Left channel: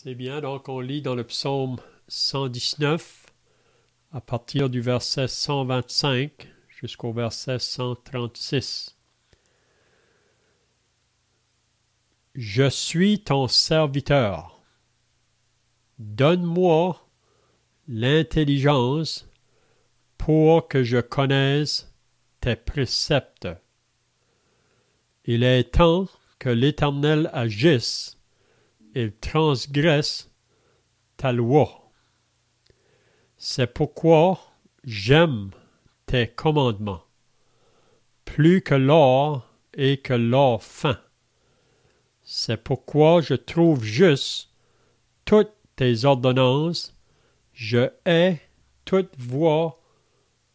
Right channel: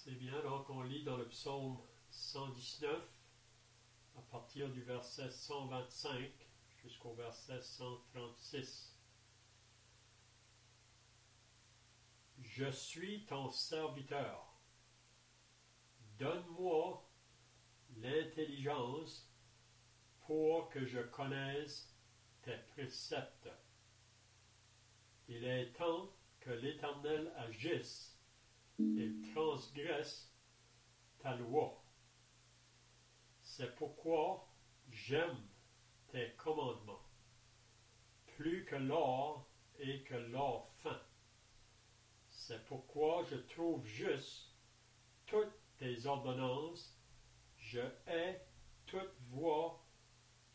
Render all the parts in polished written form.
C'est bien, donc on lit dans le psaume 119 à partir du verset 125 jusqu'au verset 136. Je suis ton serviteur. Donne-moi l'intelligence pour que je connaisse tes préceptes. Il est temps que l'Éternel agisse, il transgresse ta loi. C'est pourquoi j'aime tes commandements, plus que l'or et que l'or fin. C'est pourquoi je trouve juste toutes tes ordonnances, je hais toute voie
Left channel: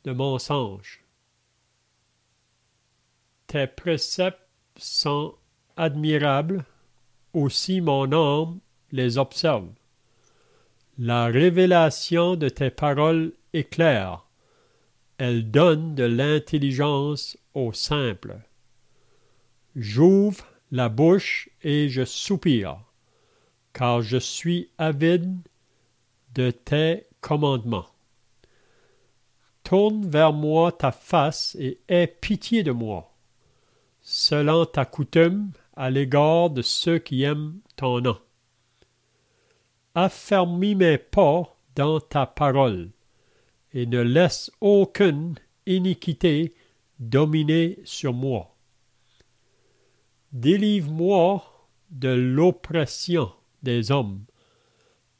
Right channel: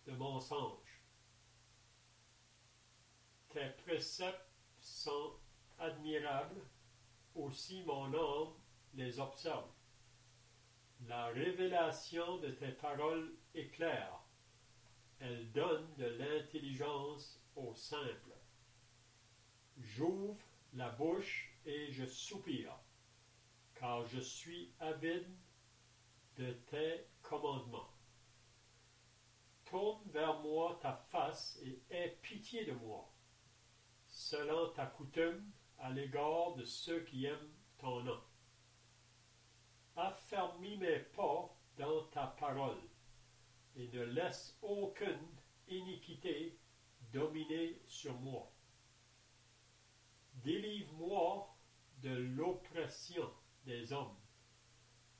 de mensonge. Tes préceptes sont admirables, aussi mon âme les observe. La révélation de tes paroles est claire. Elle donne de l'intelligence aux simples. J'ouvre la bouche et je soupire, car je suis avide de tes commandements. Tourne vers moi ta face et aie pitié de moi, selon ta coutume à l'égard de ceux qui aiment ton nom. Affermis mes pas dans ta parole, et ne laisse aucune iniquité dominer sur moi. Délivre-moi de l'oppression des hommes,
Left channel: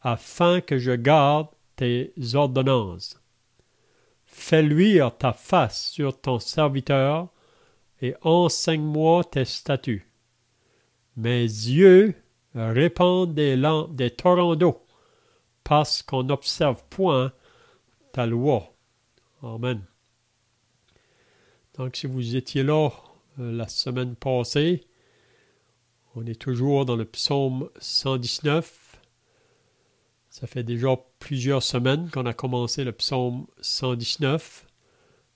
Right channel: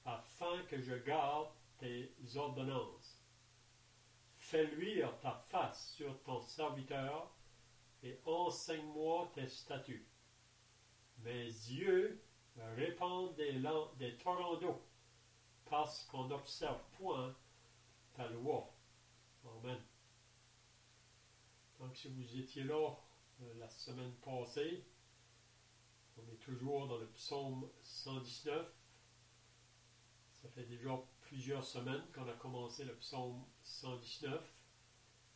afin que je garde tes ordonnances. Fais luire ta face sur ton serviteur, et enseigne-moi tes statuts. Mes yeux répandent des torrents d'eau, parce qu'on n'observe point ta loi. Amen. Donc, si vous étiez là la semaine passée, on est toujours dans le psaume 119. Ça fait déjà plusieurs semaines qu'on a commencé le psaume 119.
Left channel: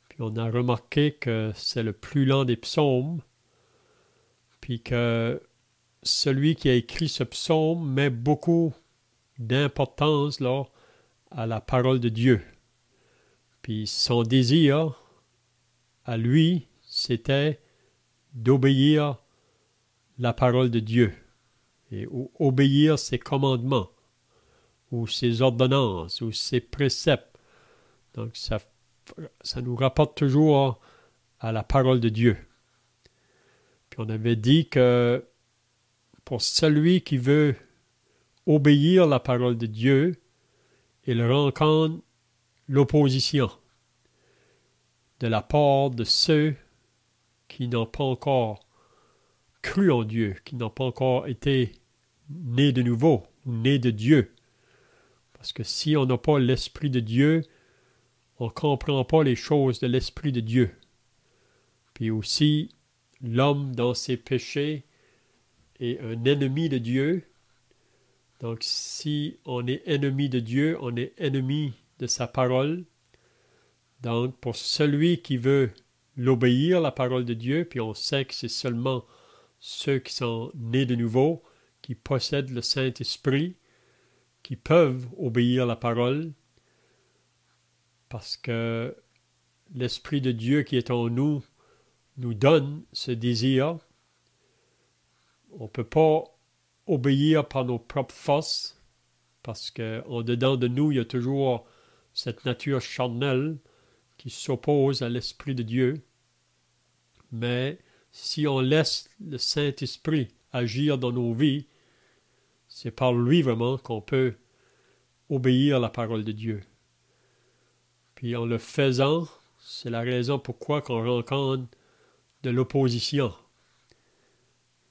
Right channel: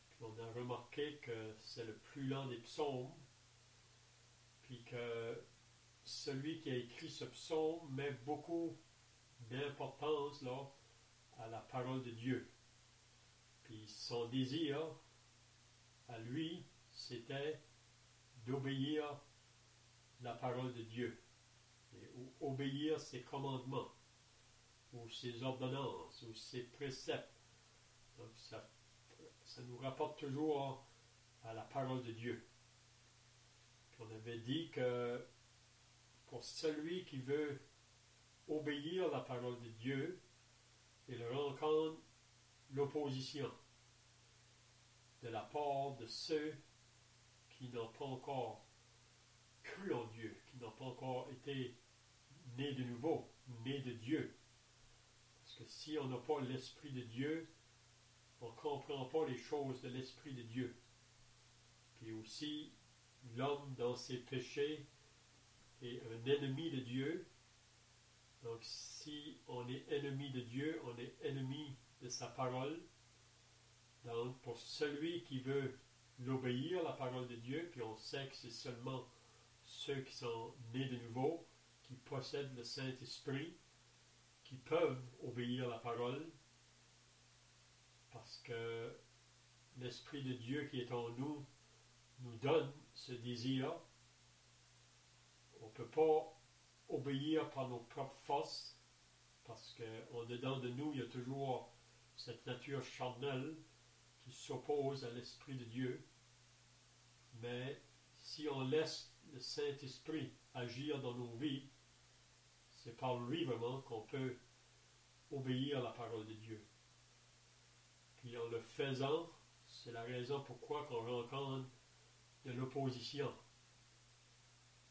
Puis on a remarqué que c'est le plus lent des psaumes. Puis que celui qui a écrit ce psaume met beaucoup d'importance là, à la parole de Dieu. Puis son désir à lui, c'était d'obéir la parole de Dieu et obéir ses commandements ou ses ordonnances ou ses préceptes. Donc ça nous rapporte toujours à la parole de Dieu. Puis on avait dit que pour celui qui veut obéir la parole de Dieu, il rencontre l'opposition de la part de ceux qui n'ont pas encore cru en Dieu, qui n'ont pas encore été nés de nouveau, nés de Dieu. Parce que si on n'a pas l'Esprit de Dieu, on ne comprend pas les choses de l'Esprit de Dieu. Puis aussi, l'homme dans ses péchés est un ennemi de Dieu. Donc si on est ennemi de Dieu, on est ennemi de sa parole. Donc pour celui qui veut l'obéir, la parole de Dieu, puis on sait que c'est seulement ceux qui sont nés de nouveau, qui possèdent le Saint-Esprit, qui peuvent obéir la parole, parce que l'Esprit de Dieu qui est en nous donne ce désir. On ne peut pas obéir par nos propres forces, parce qu'en dedans de nous, il y a toujours cette nature charnelle qui s'oppose à l'Esprit de Dieu. Mais si on laisse le Saint-Esprit agir dans nos vies, c'est par lui vraiment qu'on peut obéir à la parole de Dieu. Puis en le faisant, c'est la raison pourquoi qu'on rencontre de l'opposition,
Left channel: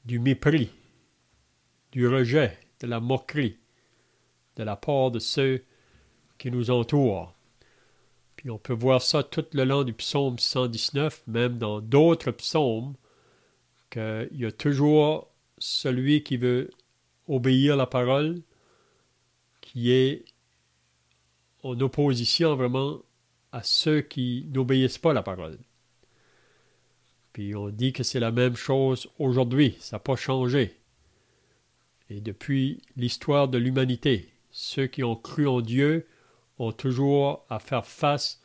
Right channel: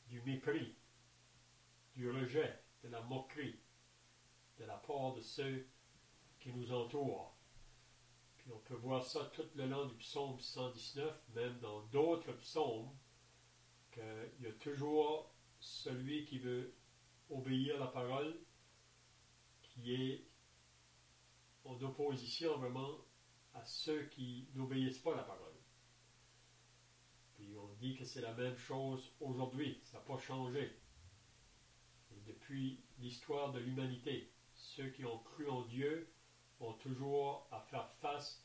du mépris, du rejet, de la moquerie, de la part de ceux qui nous entourent. Puis on peut voir ça tout le long du psaume 119, même dans d'autres psaumes, qu'il y a toujours celui qui veut obéir la parole, qui est en opposition vraiment à ceux qui n'obéissent pas la parole. Puis on dit que c'est la même chose aujourd'hui, ça n'a pas changé. Et depuis l'histoire de l'humanité, ceux qui ont cru en Dieu ont toujours à faire face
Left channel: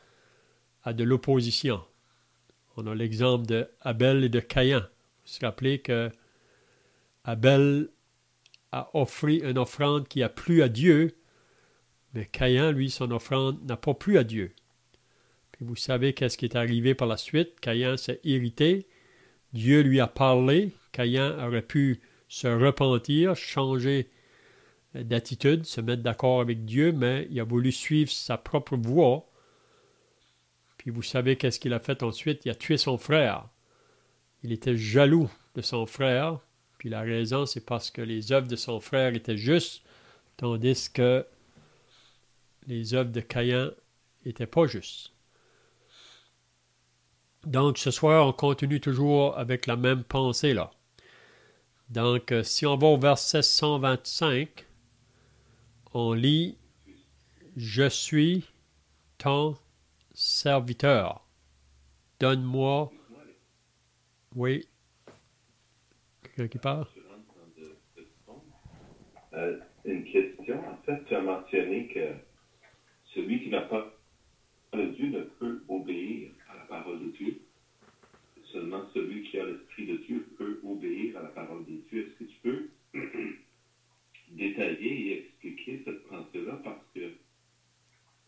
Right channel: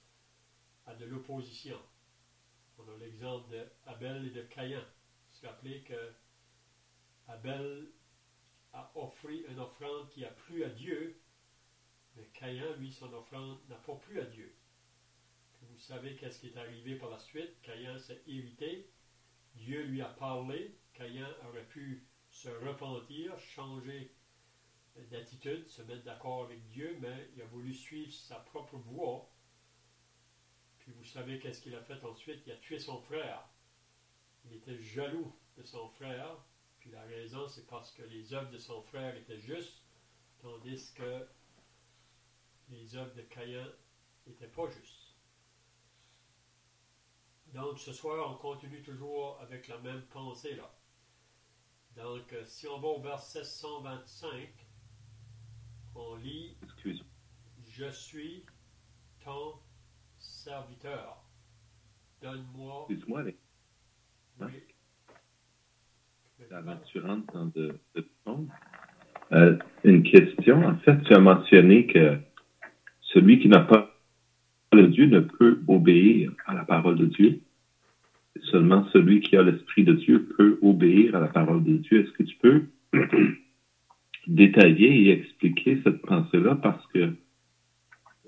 à de l'opposition. On a l'exemple de Abel et de Caïn. Vous vous rappelez que Abel a offert une offrande qui a plu à Dieu, mais Caïn, lui, son offrande n'a pas plu à Dieu. Puis vous savez qu'est-ce qui est arrivé par la suite. Caïn s'est irrité. Dieu lui a parlé. Caïn aurait pu se repentir, changer d'attitude, se mettre d'accord avec Dieu, mais il a voulu suivre sa propre voie. Puis vous savez qu'est-ce qu'il a fait ensuite? Il a tué son frère. Il était jaloux de son frère. Puis la raison, c'est parce que les œuvres de son frère étaient justes, tandis que les œuvres de Caïn n'étaient pas justes. Donc ce soir, on continue toujours avec la même pensée là. Donc si on va au verset 125, on lit « Je suis ton serviteur. Donne-moi... » Oui. Quelqu'un qui parle? Tu rentres dans une question. En fait, tu as mentionné que celui qui n'a pas le Dieu ne peut obéir à la parole de Dieu. Seulement celui qui a l'Esprit de Dieu peut obéir à la parole de Dieu. Est-ce que tu peux détailler et expliquer cette pensée-là? Parce que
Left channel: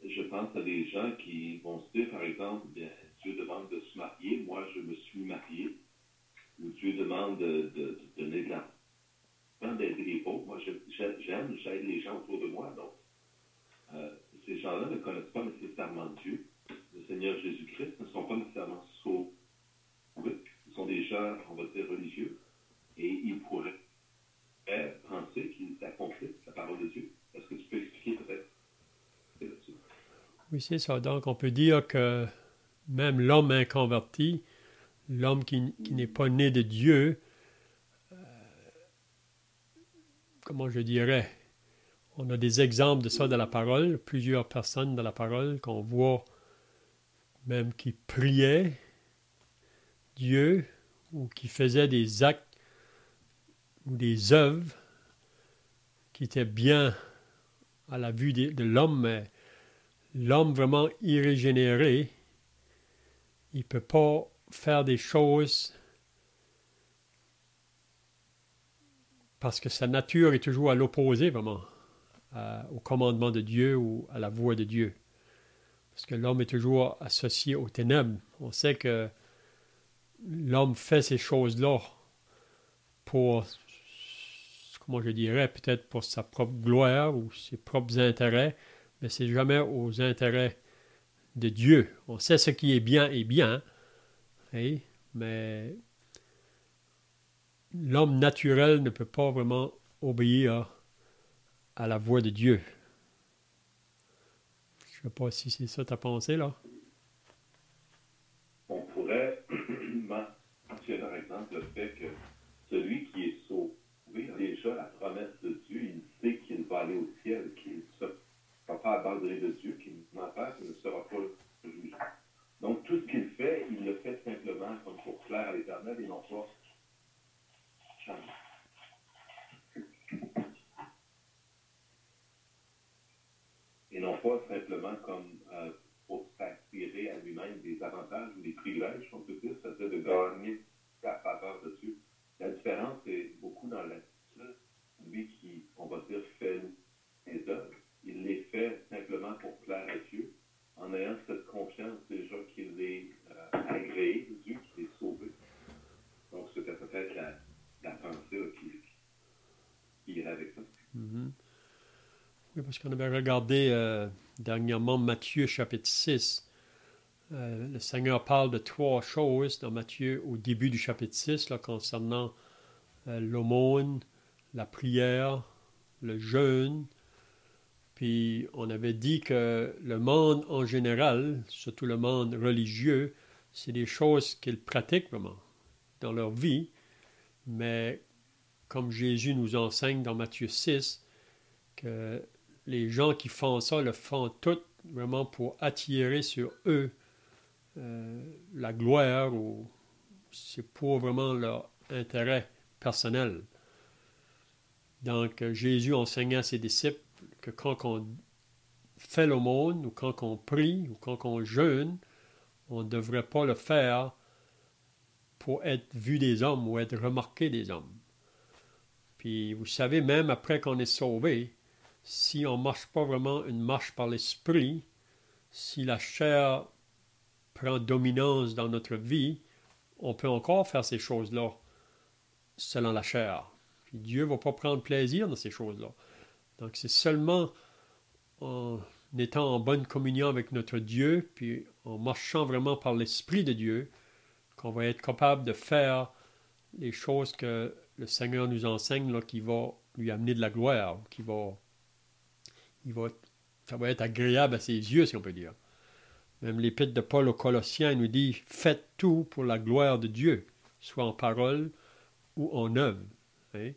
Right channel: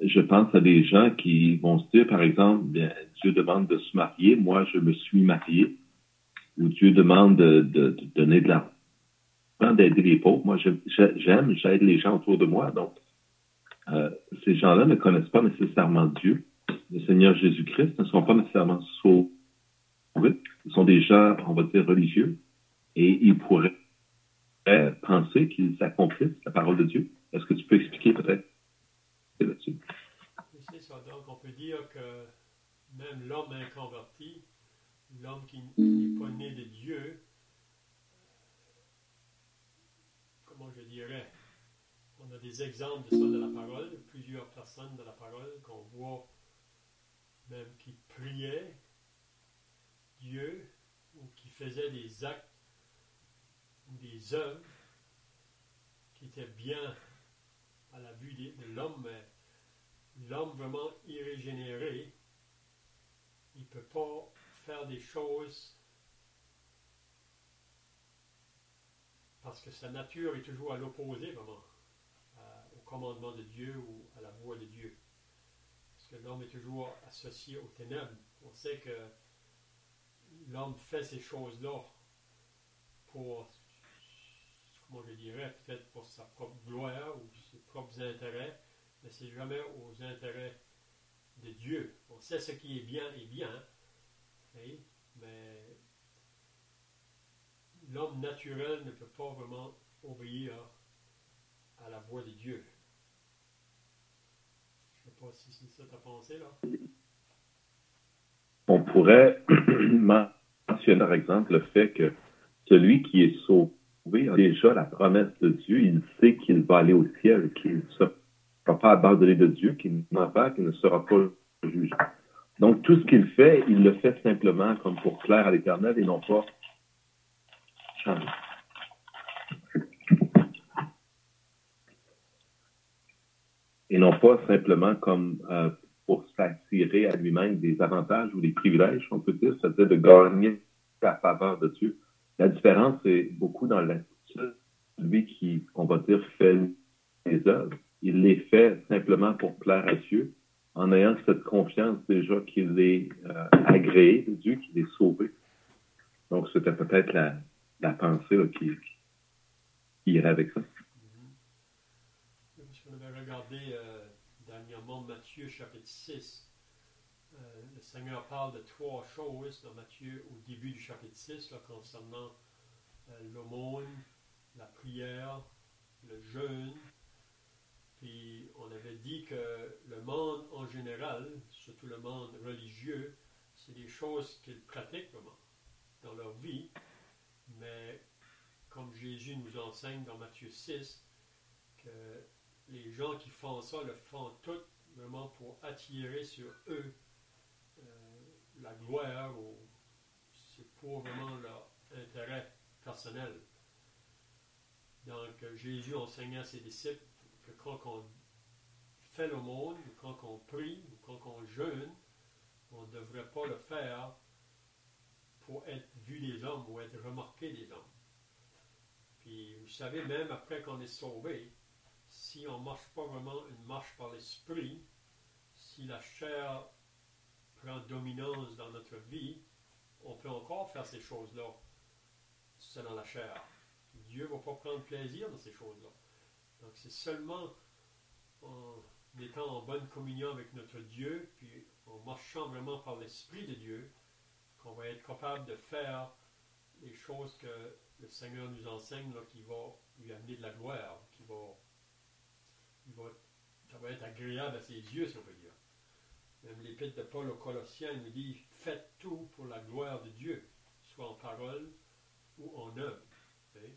je pense à des gens qui vont se dire, par exemple, bien, Dieu demande de se marier, moi je me suis marié, ou Dieu demande de donner de l'argent, d'aider les pauvres. Moi, j'aide les gens autour de moi. Donc, ces gens-là ne connaissent pas nécessairement Dieu. Le Seigneur Jésus-Christ ne sont pas nécessairement sauvés. Ils sont des gens, on va dire, religieux, et ils pourraient penser qu'ils accomplissent la parole de Dieu. Est-ce que tu peux expliquer peut-être là-dessus? Oui, c'est ça. Donc, on peut dire que même l'homme inconverti, l'homme qui n'est pas né de Dieu, comment je dirais, on a des exemples de ça dans la parole, plusieurs personnes dans la parole qu'on voit même qui priaient Dieu ou qui faisaient des actes ou des œuvres qui étaient bien à la vue de l'homme, mais l'homme vraiment irrégénéré, il ne peut pas faire des choses parce que sa nature est toujours à l'opposé vraiment au commandement de Dieu ou à la voix de Dieu. Parce que l'homme est toujours associé aux ténèbres. On sait que l'homme fait ces choses-là pour, comment je dirais, peut-être pour sa propre gloire ou ses propres intérêts, mais c'est jamais aux intérêts de Dieu. On sait ce qui est bien, hein, mais l'homme naturel ne peut pas vraiment obéir à la voix de Dieu. Je ne sais pas si c'est ça ta pensée, là. On pourrait mentionner, par exemple, le fait que celui qui est sauvé a déjà la promesse de Dieu. Il sait qu'il va aller au ciel, qu'il ne sera pas abandonné de Dieu, qu'il n'en pas, qu'il ne sera pas jugé. Donc, tout ce qu'il fait, il le fait simplement comme pour plaire à l'Éternel et non pas changer. Et non pas simplement comme pour s'attirer à lui-même des avantages ou des privilèges, on peut dire, c'est-à-dire de gagner la faveur de Dieu. La différence, c'est beaucoup dans l'attitude. Celui qui, on va dire, fait les œuvres, il les fait simplement pour plaire à Dieu, en ayant cette confiance déjà qu'il est agréé de Dieu, qu'il est sauvé. Donc, c'était peut-être la pensée là, qui irait avec ça. Mm-hmm. Oui, parce qu'on avait regardé dernièrement Matthieu chapitre 6. Le Seigneur parle de 3 choses dans Matthieu au début du chapitre 6 là, concernant l'aumône, la prière, le jeûne. Puis on avait dit que le monde en général, surtout le monde religieux, c'est des choses qu'ils pratiquent vraiment dans leur vie. Mais comme Jésus nous enseigne dans Matthieu 6, que les gens qui font ça le font tout vraiment pour attirer sur eux la gloire ou c'est pour vraiment leur intérêt personnel. Donc, Jésus enseignait à ses disciples que quand on fait l'aumône, ou quand on prie, ou quand on jeûne, on ne devrait pas le faire pour être vu des hommes ou être remarqué des hommes. Puis, vous savez, même après qu'on est sauvé, si on ne marche pas vraiment une marche par l'esprit, si la chair prend dominance dans notre vie, on peut encore faire ces choses-là selon la chair. Puis Dieu ne va pas prendre plaisir dans ces choses-là. Donc c'est seulement en étant en bonne communion avec notre Dieu, puis en marchant vraiment par l'Esprit de Dieu, qu'on va être capable de faire les choses que le Seigneur nous enseigne, là, qui va lui amener de la gloire, ça va être agréable à ses yeux, si on peut dire. Même l'épître de Paul aux Colossiens nous dit « Faites tout pour la gloire de Dieu, soit en parole ou en œuvre. Hein? »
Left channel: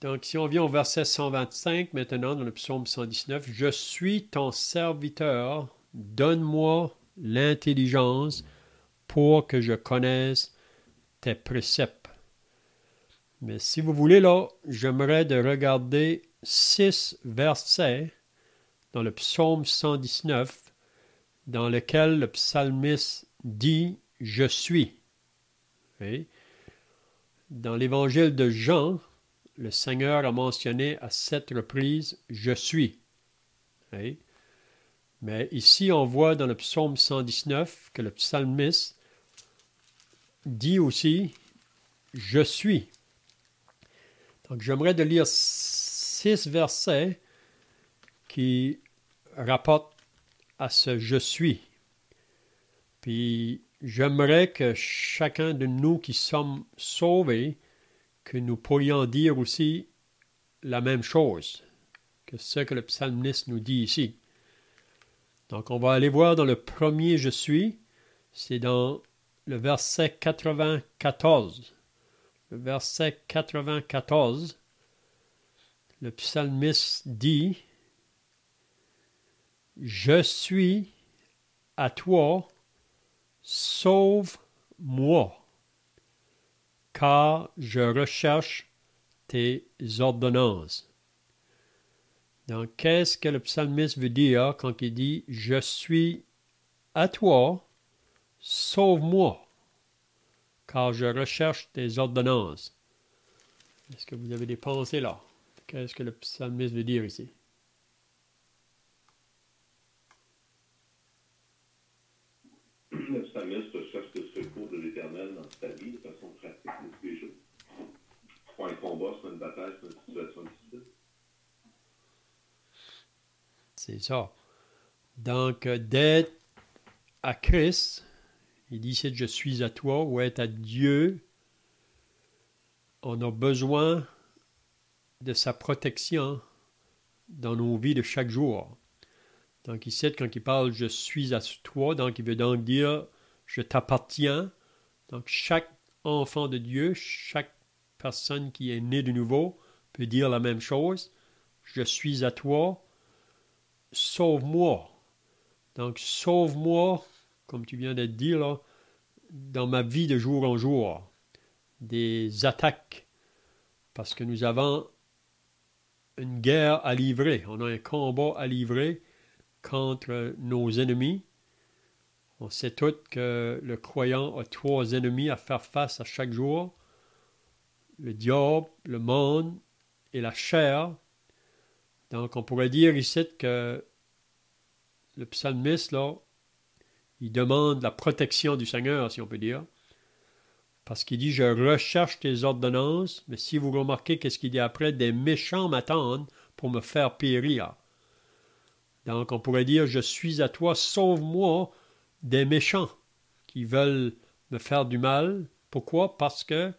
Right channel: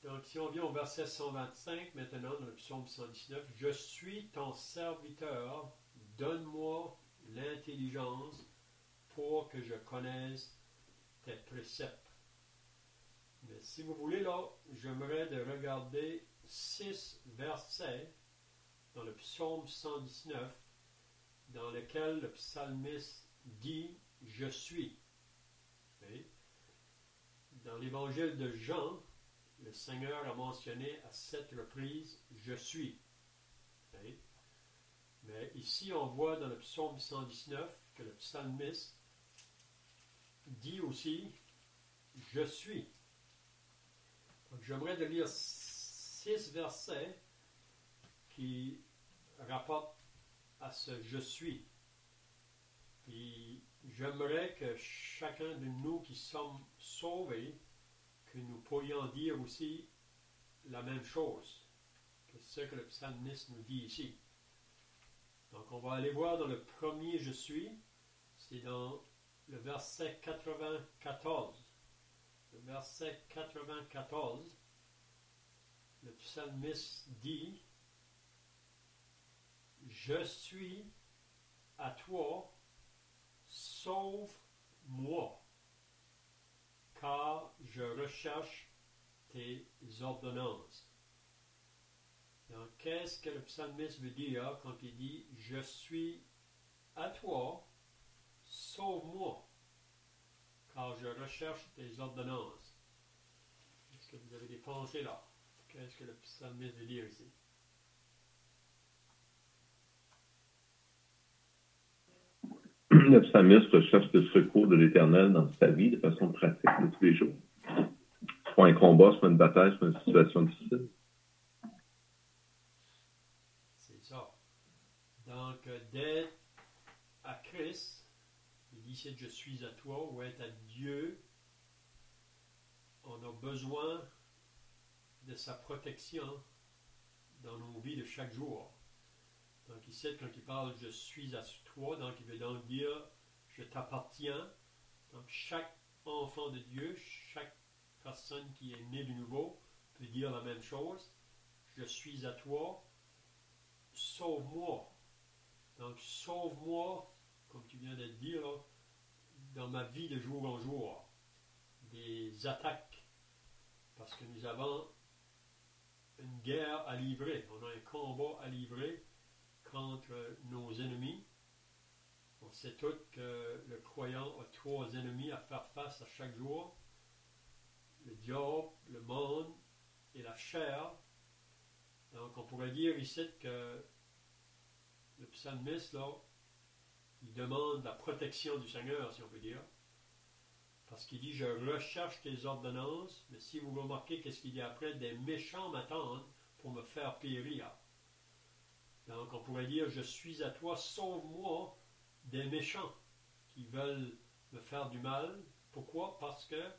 Donc, si on vient au verset 125, maintenant, dans le psaume 119, « Je suis ton serviteur, donne-moi l'intelligence pour que je connaisse tes préceptes. » Mais si vous voulez, là, j'aimerais de regarder 6 versets dans le psaume 119, dans lequel le psalmiste dit « Je suis ». Okay? Dans l'évangile de Jean, le Seigneur a mentionné à 7 reprises « Je suis ». Okay? Mais ici, on voit dans le psaume 119 que le psalmiste dit aussi « Je suis ». Donc, j'aimerais de lire 6 versets qui rapportent à ce « Je suis ». Puis, j'aimerais que chacun de nous qui sommes sauvés, que nous pourrions dire aussi la même chose que ce que le psalmiste nous dit ici. Donc, on va aller voir dans le premier « Je suis », c'est dans le verset 94. Le verset 94, le psalmiste dit « Je suis à toi, sauve-moi, car je recherche tes ordonnances. » Donc, qu'est-ce que le psalmiste veut dire quand il dit « Je suis à toi, sauve-moi, car je recherche tes ordonnances. » Est-ce que vous avez des pensées là? Qu'est-ce que le psalmiste veut dire ici? Le psalmiste recherche le secours de l'Éternel dans sa vie de façon pratique de tous les jours. Soit un combat, soit une bataille, soit une situation difficile. C'est ça. Donc, d'être à Christ, il dit c'est « Je suis à toi » ou être à Dieu, on a besoin de sa protection dans nos vies de chaque jour. Donc ici, quand il parle « Je suis à toi », donc il veut donc dire « Je t'appartiens ». Donc chaque enfant de Dieu, chaque personne qui est née de nouveau peut dire la même chose. « Je suis à toi, sauve-moi ». Donc sauve-moi, comme tu viens de dire là, dans ma vie de jour en jour, des attaques, parce que nous avons une guerre à livrer, on a un combat à livrer contre nos ennemis. On sait tous que le croyant a 3 ennemis à faire face à chaque jour, le diable, le monde et la chair. Donc on pourrait dire ici que le psalmiste, là, il demande la protection du Seigneur, si on peut dire, parce qu'il dit « Je recherche tes ordonnances », mais si vous remarquez qu'est-ce qu'il dit après, « Des méchants m'attendent pour me faire périr ». Donc on pourrait dire « Je suis à toi, sauve-moi des méchants qui veulent me faire du mal ». Pourquoi? Parce que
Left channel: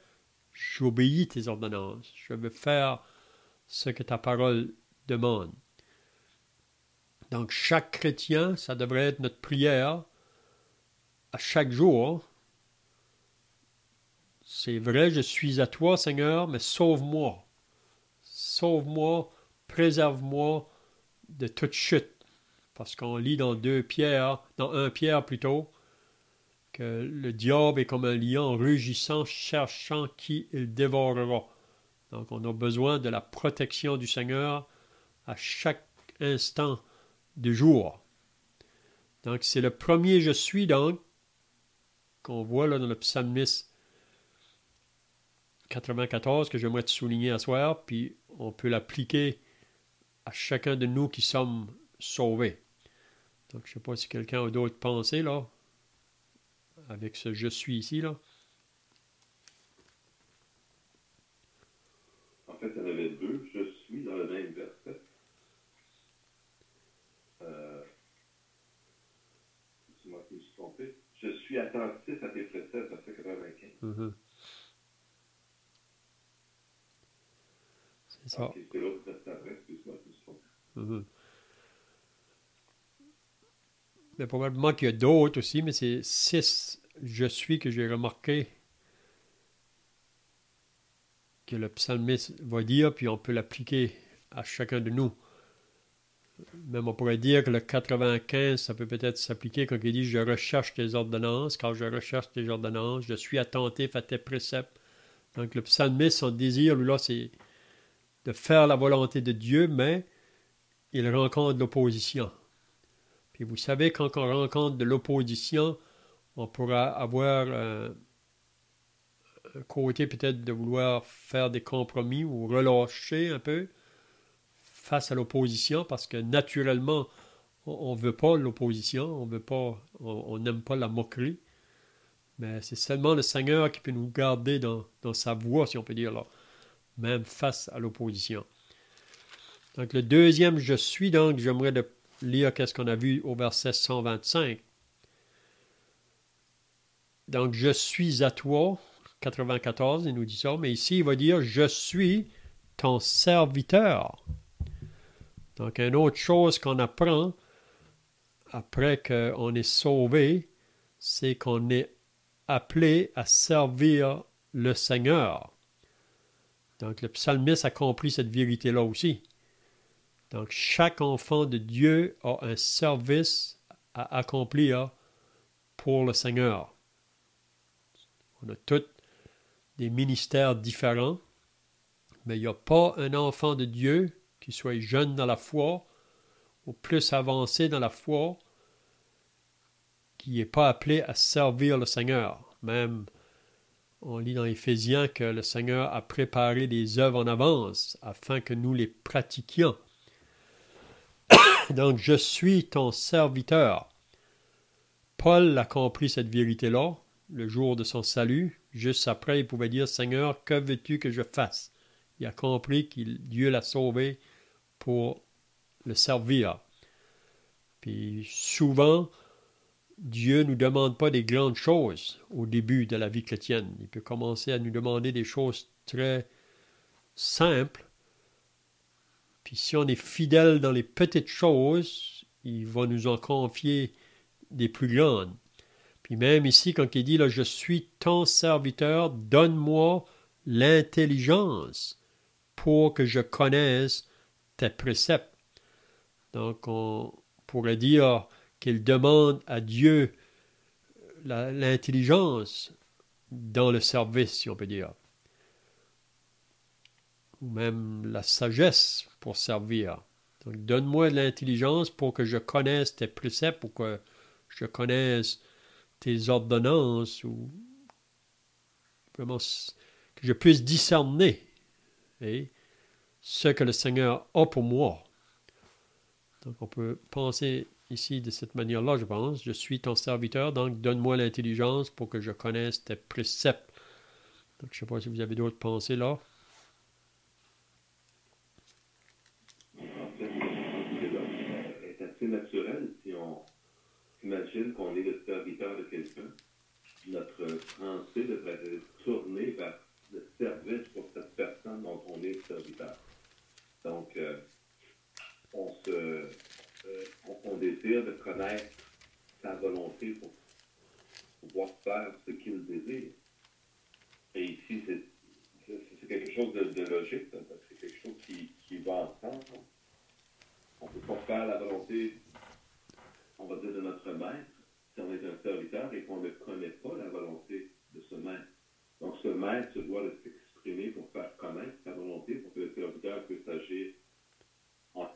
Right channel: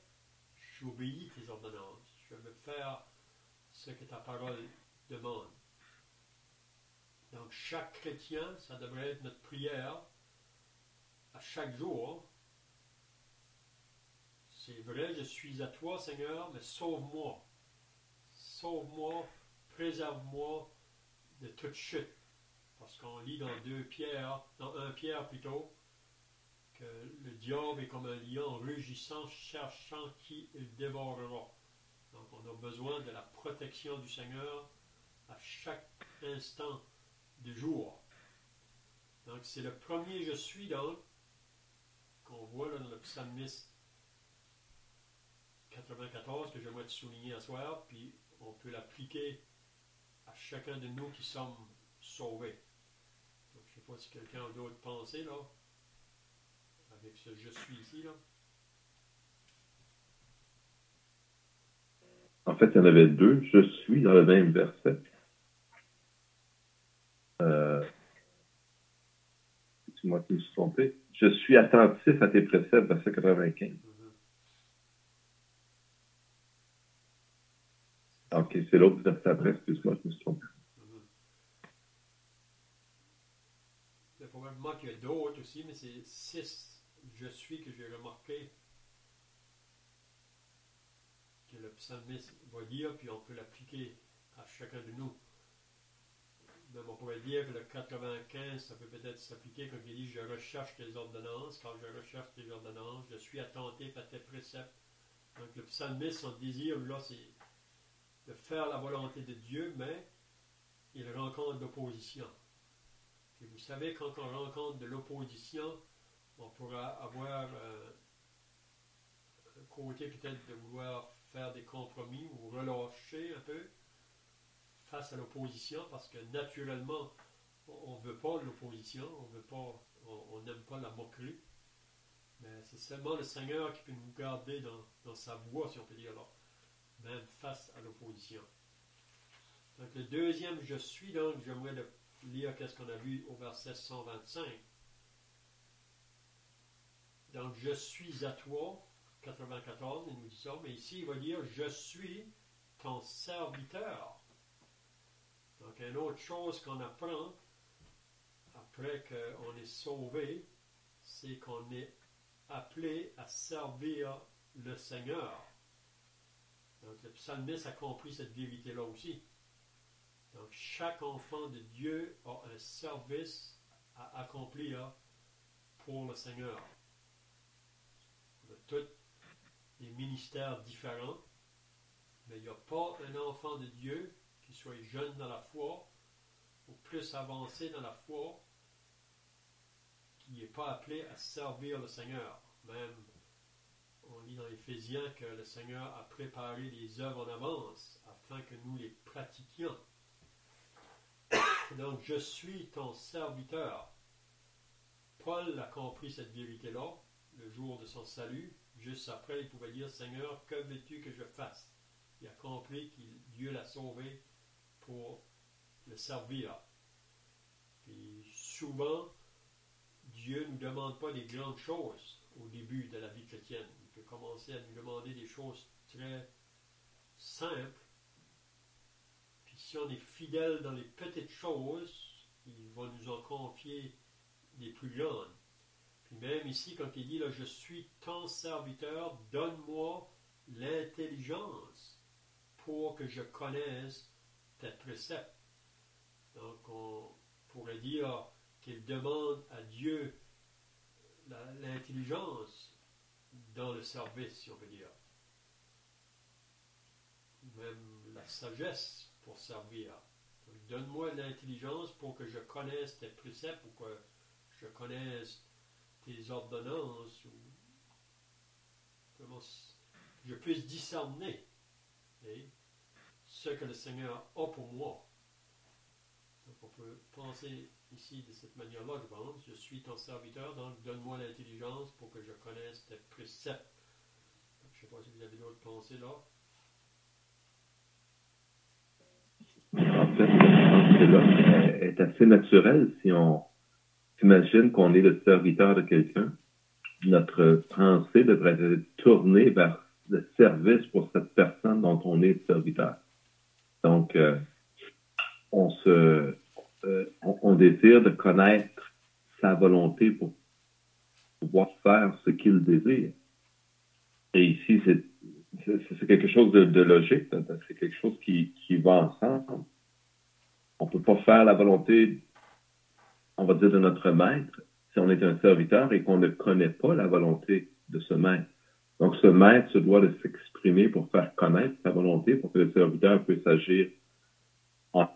j'obéis tes ordonnances. Je veux faire ce que ta parole demande. Donc chaque chrétien, ça devrait être notre prière à chaque jour. C'est vrai, je suis à toi, Seigneur, mais sauve-moi. Sauve-moi, préserve-moi de toute chute. Parce qu'on lit dans 1 Pierre plutôt, que le diable est comme un lion rugissant, cherchant qui il dévorera. Donc, on a besoin de la protection du Seigneur à chaque instant du jour. Donc, c'est le premier je suis, donc, qu'on voit là dans le psalmiste 94, que j'aimerais te souligner à soir, puis on peut l'appliquer à chacun de nous qui sommes sauvés. Donc, je ne sais pas si quelqu'un a d'autres pensées, là, avec ce je suis ici, là. En fait, il y en avait deux. Je suis dans le même verset. C'est moi qui me suis trompé. Je suis attentif à tes préceptes, verset 95. Mm-hmm. C'est ça. OK, c'est l'autre verset après. Excuse-moi, je me suis trompé. Mm-hmm. Mais probablement qu'il y a d'autres aussi, mais c'est 6 je suis que j'ai remarqué que le psalmiste va dire, puis on peut l'appliquer à chacun de nous. Même on pourrait dire que le 95, ça peut peut-être s'appliquer quand il dit « Je recherche tes ordonnances, car je recherche tes ordonnances, je suis attentif à tes préceptes. » Donc le psalmiste, son désir, lui là, c'est de faire la volonté de Dieu, mais il rencontre l'opposition. Puis vous savez, quand on rencontre de l'opposition, on pourra avoir un côté peut-être de vouloir faire des compromis ou relâcher un peu face à l'opposition, parce que naturellement, on ne veut pas l'opposition, on n'aime pas la moquerie, mais c'est seulement le Seigneur qui peut nous garder dans sa voie, si on peut dire là, même face à l'opposition. Donc le deuxième je suis, donc j'aimerais lire qu'est-ce qu'on a vu au verset 125. Donc je suis à toi, 94, il nous dit ça, mais ici il va dire je suis ton serviteur. Donc une autre chose qu'on apprend après qu'on est sauvé, c'est qu'on est appelé à servir le Seigneur. Donc le psalmiste a compris cette vérité-là aussi. Donc chaque enfant de Dieu a un service à accomplir pour le Seigneur. On a tous des ministères différents, mais il n'y a pas un enfant de Dieu qui soit jeune dans la foi ou plus avancé dans la foi qui n'est pas appelé à servir le Seigneur. Même, on lit dans Éphésiens que le Seigneur a préparé des œuvres en avance afin que nous les pratiquions. Donc, je suis ton serviteur. Paul a compris cette vérité-là le jour de son salut. Juste après, il pouvait dire, Seigneur, que veux-tu que je fasse? Il a compris que Dieu l'a sauvé pour le servir. Puis souvent, Dieu ne nous demande pas des grandes choses au début de la vie chrétienne. Il peut commencer à nous demander des choses très simples. Puis si on est fidèle dans les petites choses, il va nous en confier des plus grandes. Puis même ici, quand il dit, là, je suis ton serviteur, donne-moi l'intelligence pour que je connaisse tes préceptes. Donc, on pourrait dire qu'il demande à Dieu l'intelligence dans le service, si on peut dire. Ou même la sagesse pour servir. Donc, donne-moi l'intelligence pour que je connaisse tes préceptes, pour que je connaisse tes ordonnances, ou vraiment que je puisse discerner ce que le Seigneur a pour moi. Donc, on peut penser ici de cette manière-là, je pense. Je suis ton serviteur, donc donne-moi l'intelligence pour que je connaisse tes préceptes. Donc, je ne sais pas si vous avez d'autres pensées là. En fait, cela est assez naturel si on s'imagine qu'on est le serviteur de quelqu'un. Notre pensée devrait être tournée vers le service pour cette personne dont on est le serviteur. Donc, on désire de connaître sa volonté pour pouvoir faire ce qu'il désire. Et ici, c'est quelque chose de logique, c'est quelque chose qui va ensemble. On ne peut pas faire la volonté, on va dire, de notre maître si on est un serviteur et qu'on ne connaît pas la volonté de ce maître. Donc, ce maître se doit de s'exprimer pour faire connaître sa volonté, pour que le serviteur puisse agir en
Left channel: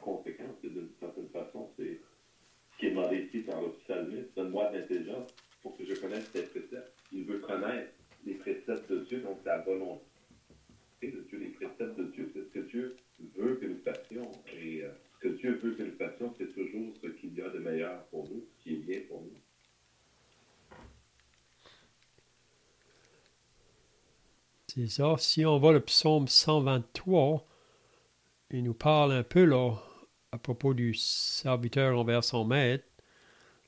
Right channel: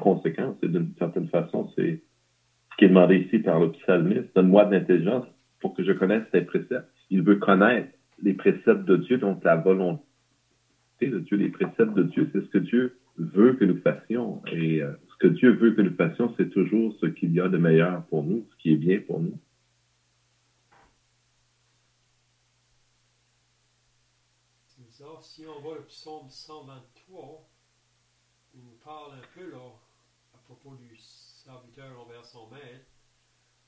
conséquence. Et d'une certaine façon, c'est ce qui est demandé ici par le psalmiste. Donne-moi de l'intelligence pour que je connaisse tes préceptes. Il veut connaître les préceptes de Dieu, donc la volonté de Dieu. Les préceptes de Dieu, c'est ce que Dieu veut que nous fassions. Et ce que Dieu veut que nous fassions, c'est toujours ce qu'il y a de meilleur pour nous, ce qui est bien pour nous. C'est ça. Si on voit le psaume 123, il nous parle un peu là à propos du serviteur envers son maître.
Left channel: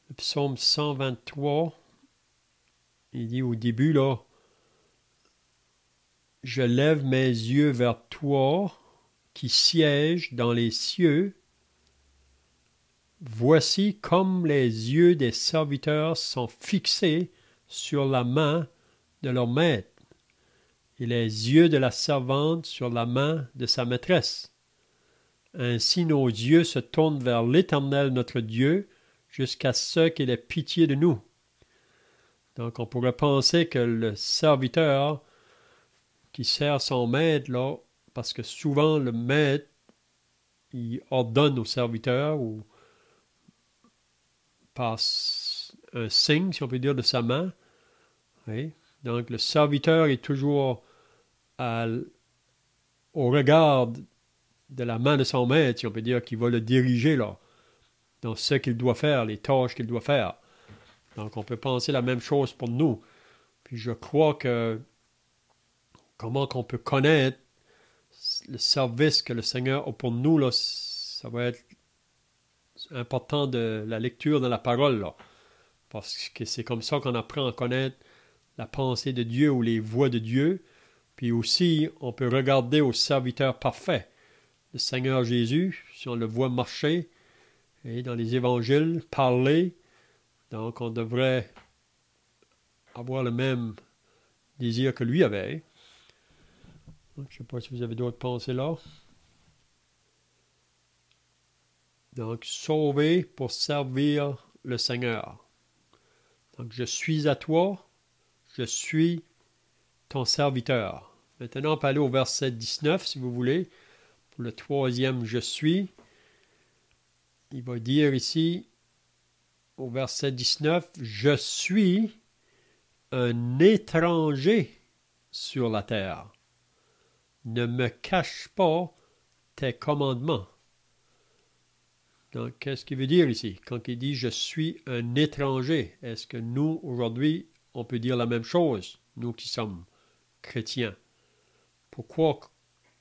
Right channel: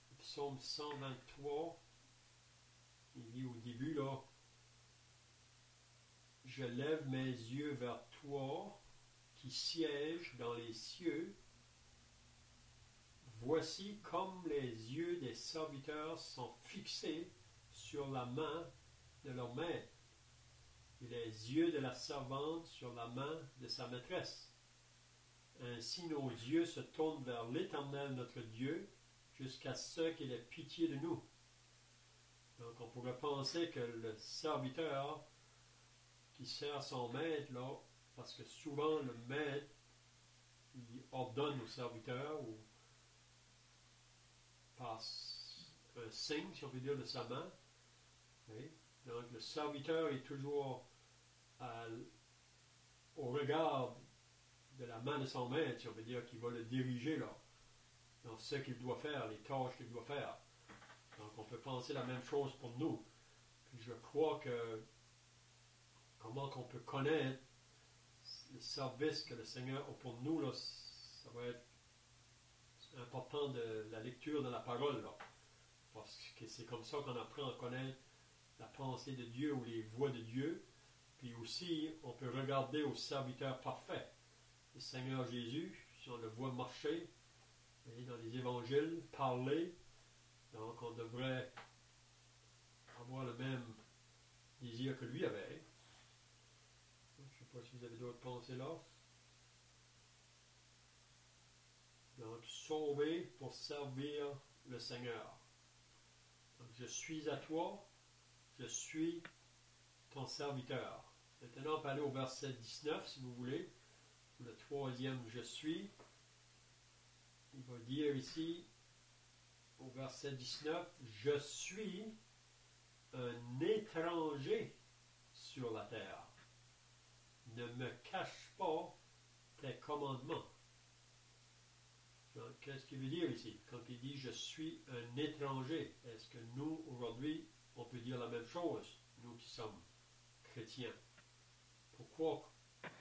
Le psaume 123, il dit au début là, je lève mes yeux vers toi qui sièges dans les cieux. Voici comme les yeux des serviteurs sont fixés sur la main de leur maître et les yeux de la servante sur la main de sa maîtresse. Ainsi nos yeux se tournent vers l'Éternel notre Dieu jusqu'à ce qu'il ait pitié de nous. Donc on pourrait penser que le serviteur qui sert son maître, là, parce que souvent le maître, il ordonne au serviteur ou par un signe, si on peut dire, de sa main. Oui. Donc le serviteur est toujours au regard de la main de son maître, si on peut dire, qui va le diriger là, dans ce qu'il doit faire, les tâches qu'il doit faire. Donc on peut penser la même chose pour nous. Puis je crois que comment qu'on peut connaître le service que le Seigneur a pour nous, là, ça va être important de la lecture de la parole, là, parce que c'est comme ça qu'on apprend à connaître la pensée de Dieu ou les voies de Dieu. Puis aussi, on peut regarder au serviteur parfait, le Seigneur Jésus, si on le voit marcher, et dans les évangiles, parler. Donc, on devrait avoir le même désir que lui avait. Je ne sais pas si vous avez d'autres pensées là. Donc, sauvé pour servir le Seigneur. Donc, je suis à toi, je suis ton serviteur. Maintenant, on peut aller au verset 19, si vous voulez. Pour le troisième, je suis. Il va dire ici, au verset 19, je suis un étranger sur la terre. Ne me cache pas tes commandements. Donc, qu'est-ce qu'il veut dire ici? Quand il dit « je suis un étranger », est-ce que nous, aujourd'hui, on peut dire la même chose, nous qui sommes chrétiens? Pourquoi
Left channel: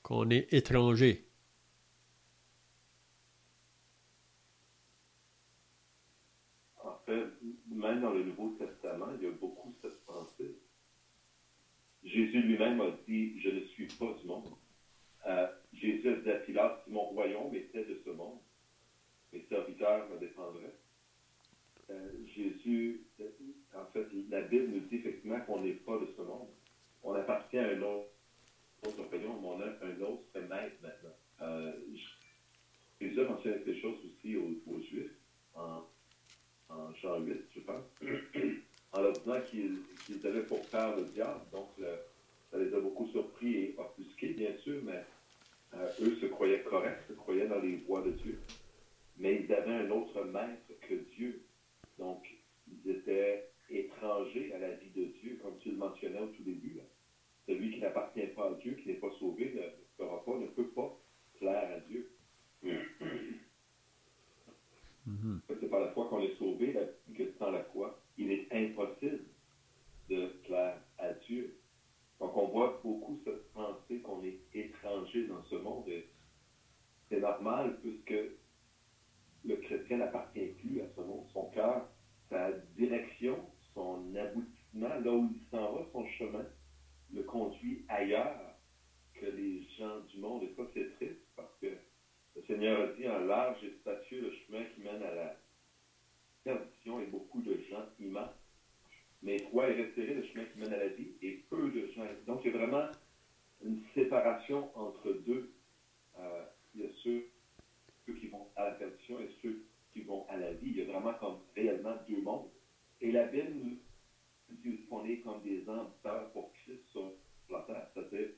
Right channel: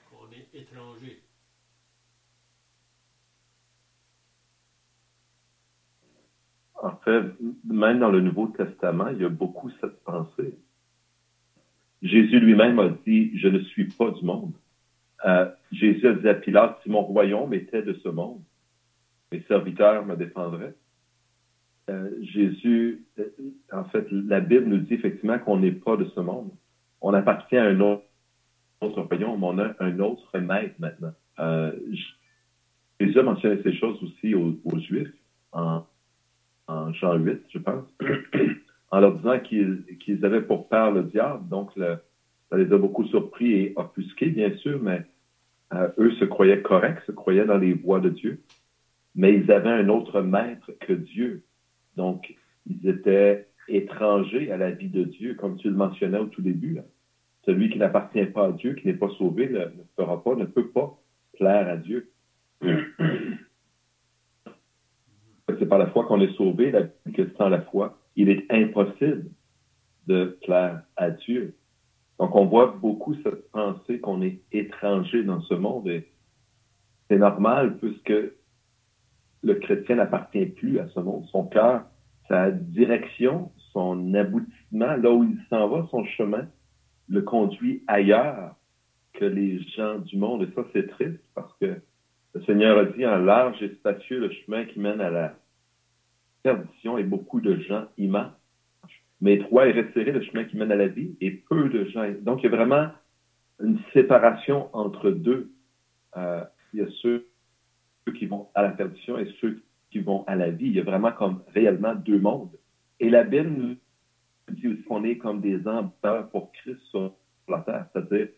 qu'on est étranger? En fait, même dans le Nouveau Testament, il y a beaucoup cette pensée. Jésus lui-même a dit « je ne suis pas du monde ». Jésus a dit à Pilate « si mon royaume était de ce monde, mes serviteurs me défendraient ». Jésus, en fait, la Bible nous dit effectivement qu'on n'est pas de ce monde. On appartient à un autre royaume, on a un autre maître maintenant. Jésus a mentionné ces choses aussi aux Juifs en Jean 8, je pense, en leur disant qu'ils avaient pour père le diable. Donc, ça les a beaucoup surpris et offusqués, bien sûr, mais eux se croyaient corrects, se croyaient dans les voies de Dieu, mais ils avaient un autre maître que Dieu. Donc, ils étaient étrangers à la vie de Dieu, comme tu le mentionnais au tout début. Là. Celui qui n'appartient pas à Dieu, qui n'est pas sauvé, ne peut pas plaire à Dieu. C'est par la foi qu'on est sauvé, que sans la foi, il est impossible de plaire à Dieu. Donc, on voit beaucoup cette pensée qu'on est étranger dans ce monde et c'est normal puisque le chrétien n'appartient plus à ce monde. Son cœur, sa direction, son aboutissement, là où il s'en va, son chemin, le conduit ailleurs que les gens du monde. Et ça, c'est triste parce que le Seigneur a dit en large et spacieux le chemin qui mène à la perdition et beaucoup de gens y marchent. Mais étroit et resserré le chemin qui mène à la vie et peu de gens. Donc, il y a vraiment une séparation entre deux. Il y a ceux qui vont à la perdition et ceux qui vont à la vie. Il y a vraiment comme réellement deux mondes. Et la Bible nous dit aussi qu'on est comme des ambassadeurs pour Christ sur la terre. C'est-à-dire,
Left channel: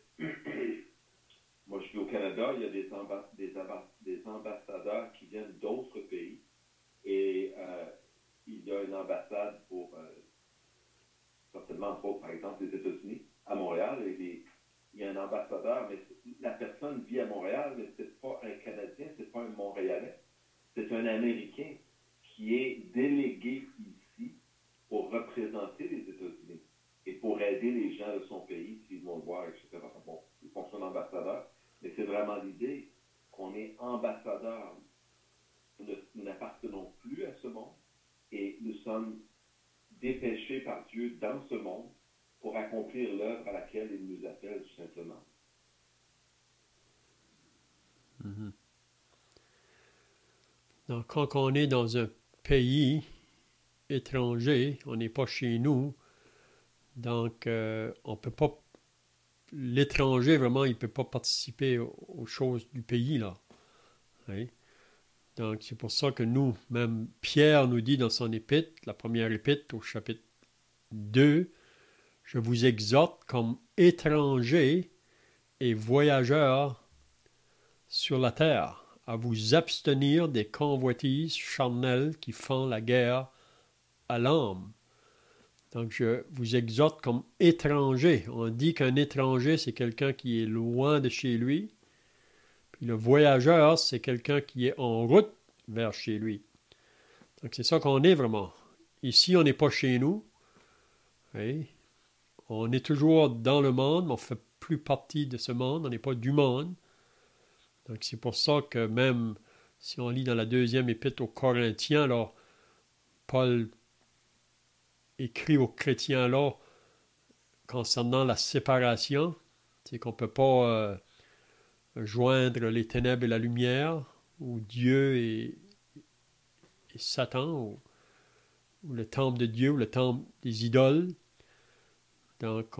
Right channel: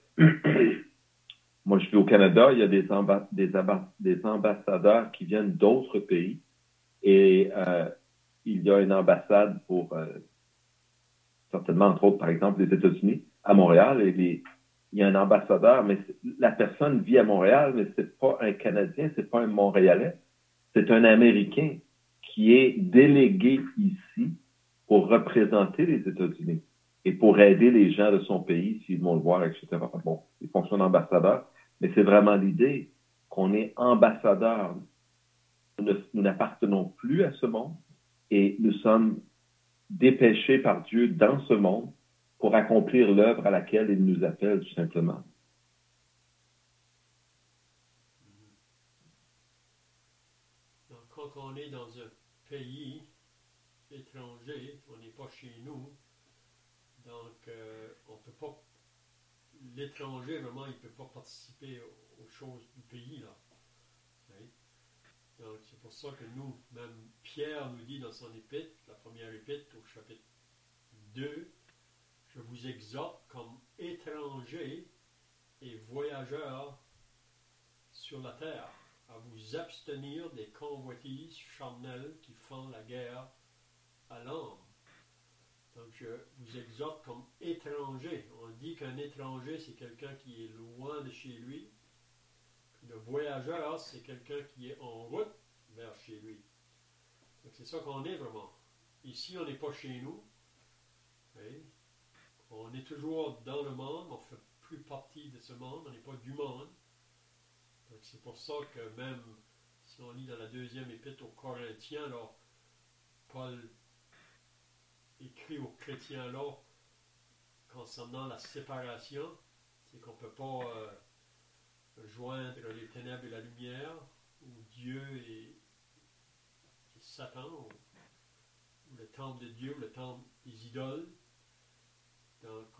moi je vis au Canada, il y a des ambassadeurs qui viennent d'autres pays et il y a une ambassade pour certainement, entre autres, par exemple, les États-Unis, à Montréal. Il y a un ambassadeur, mais la personne vit à Montréal, mais ce n'est pas un Canadien, ce n'est pas un Montréalais. C'est un Américain qui est délégué ici pour représenter les États-Unis et pour aider les gens de son pays s'ils vont le voir, etc. Bon, il fonctionne ambassadeur, mais c'est vraiment l'idée qu'on est ambassadeur. Nous n'appartenons plus à ce monde et nous sommes dépêchés par Dieu dans ce monde pour accomplir l'œuvre à laquelle il nous appelle tout simplement. Mm-hmm. Donc, quand on est dans un pays étranger, on n'est pas chez nous, donc on peut pas, l'étranger vraiment, il ne peut pas participer aux choses du pays, là. Oui. Donc, c'est pour ça que nous, même Pierre nous dit dans son épître, la première épître au chapitre 2, je vous exhorte comme étrangers et voyageurs sur la terre à vous abstenir des convoitises charnelles qui font la guerre à l'âme. Donc, je vous exhorte comme étranger. On dit qu'un étranger, c'est quelqu'un qui est loin de chez lui. Puis le voyageur, c'est quelqu'un qui est en route vers chez lui. Donc, c'est ça qu'on est vraiment. Ici, on n'est pas chez nous. Oui. On est toujours dans le monde, mais on ne fait plus partie de ce monde. On n'est pas du monde. Donc, c'est pour ça que même si on lit dans la deuxième épître aux Corinthiens, alors, Paul écrit aux chrétiens là concernant la séparation, c'est qu'on ne peut pas joindre les ténèbres et la lumière, ou Dieu et Satan, ou le temple de Dieu, ou le temple des idoles. Donc,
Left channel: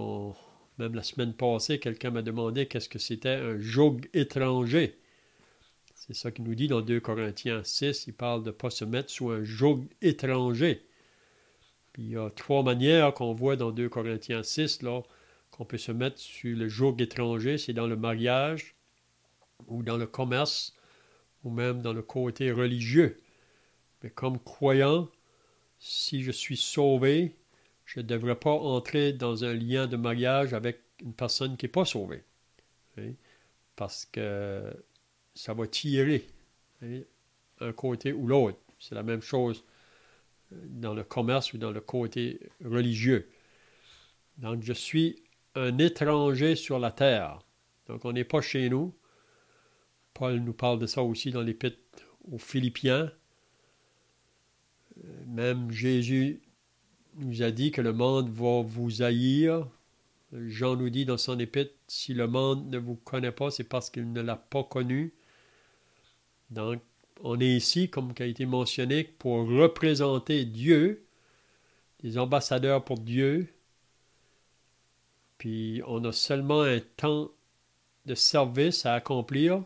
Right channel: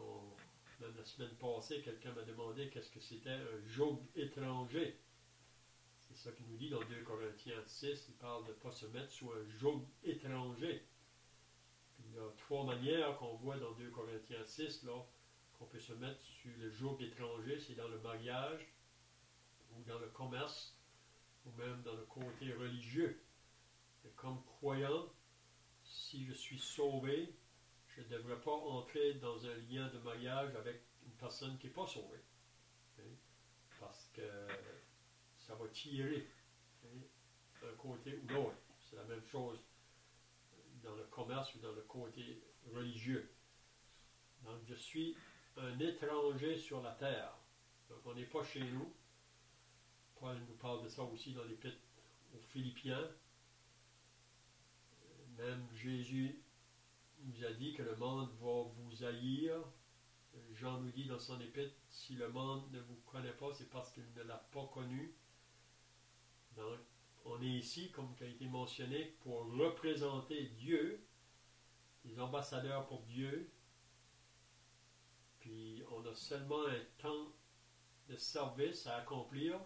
même la semaine passée, quelqu'un m'a demandé qu'est-ce que c'était un joug étranger. C'est ça qu'il nous dit dans 2 Corinthiens 6, il parle de ne pas se mettre sous un joug étranger. Puis il y a 3 manières qu'on voit dans 2 Corinthiens 6, là, qu'on peut se mettre sur le joug étranger. C'est dans le mariage, ou dans le commerce, ou même dans le côté religieux. Mais comme croyant, si je suis sauvé, je ne devrais pas entrer dans un lien de mariage avec une personne qui n'est pas sauvée. Hein? Parce que ça va tirer, hein, un côté ou l'autre. C'est la même chose dans le commerce ou dans le côté religieux. Donc, je suis un étranger sur la terre. Donc, on n'est pas chez nous. Paul nous parle de ça aussi dans l'épître aux Philippiens. Même Jésus nous a dit que le monde va vous haïr. Jean nous dit dans son épître, si le monde ne vous connaît pas, c'est parce qu'il ne l'a pas connu. Donc, on est ici, comme qui a été mentionné, pour représenter Dieu, des ambassadeurs pour Dieu. Puis, on a seulement un temps de service à accomplir.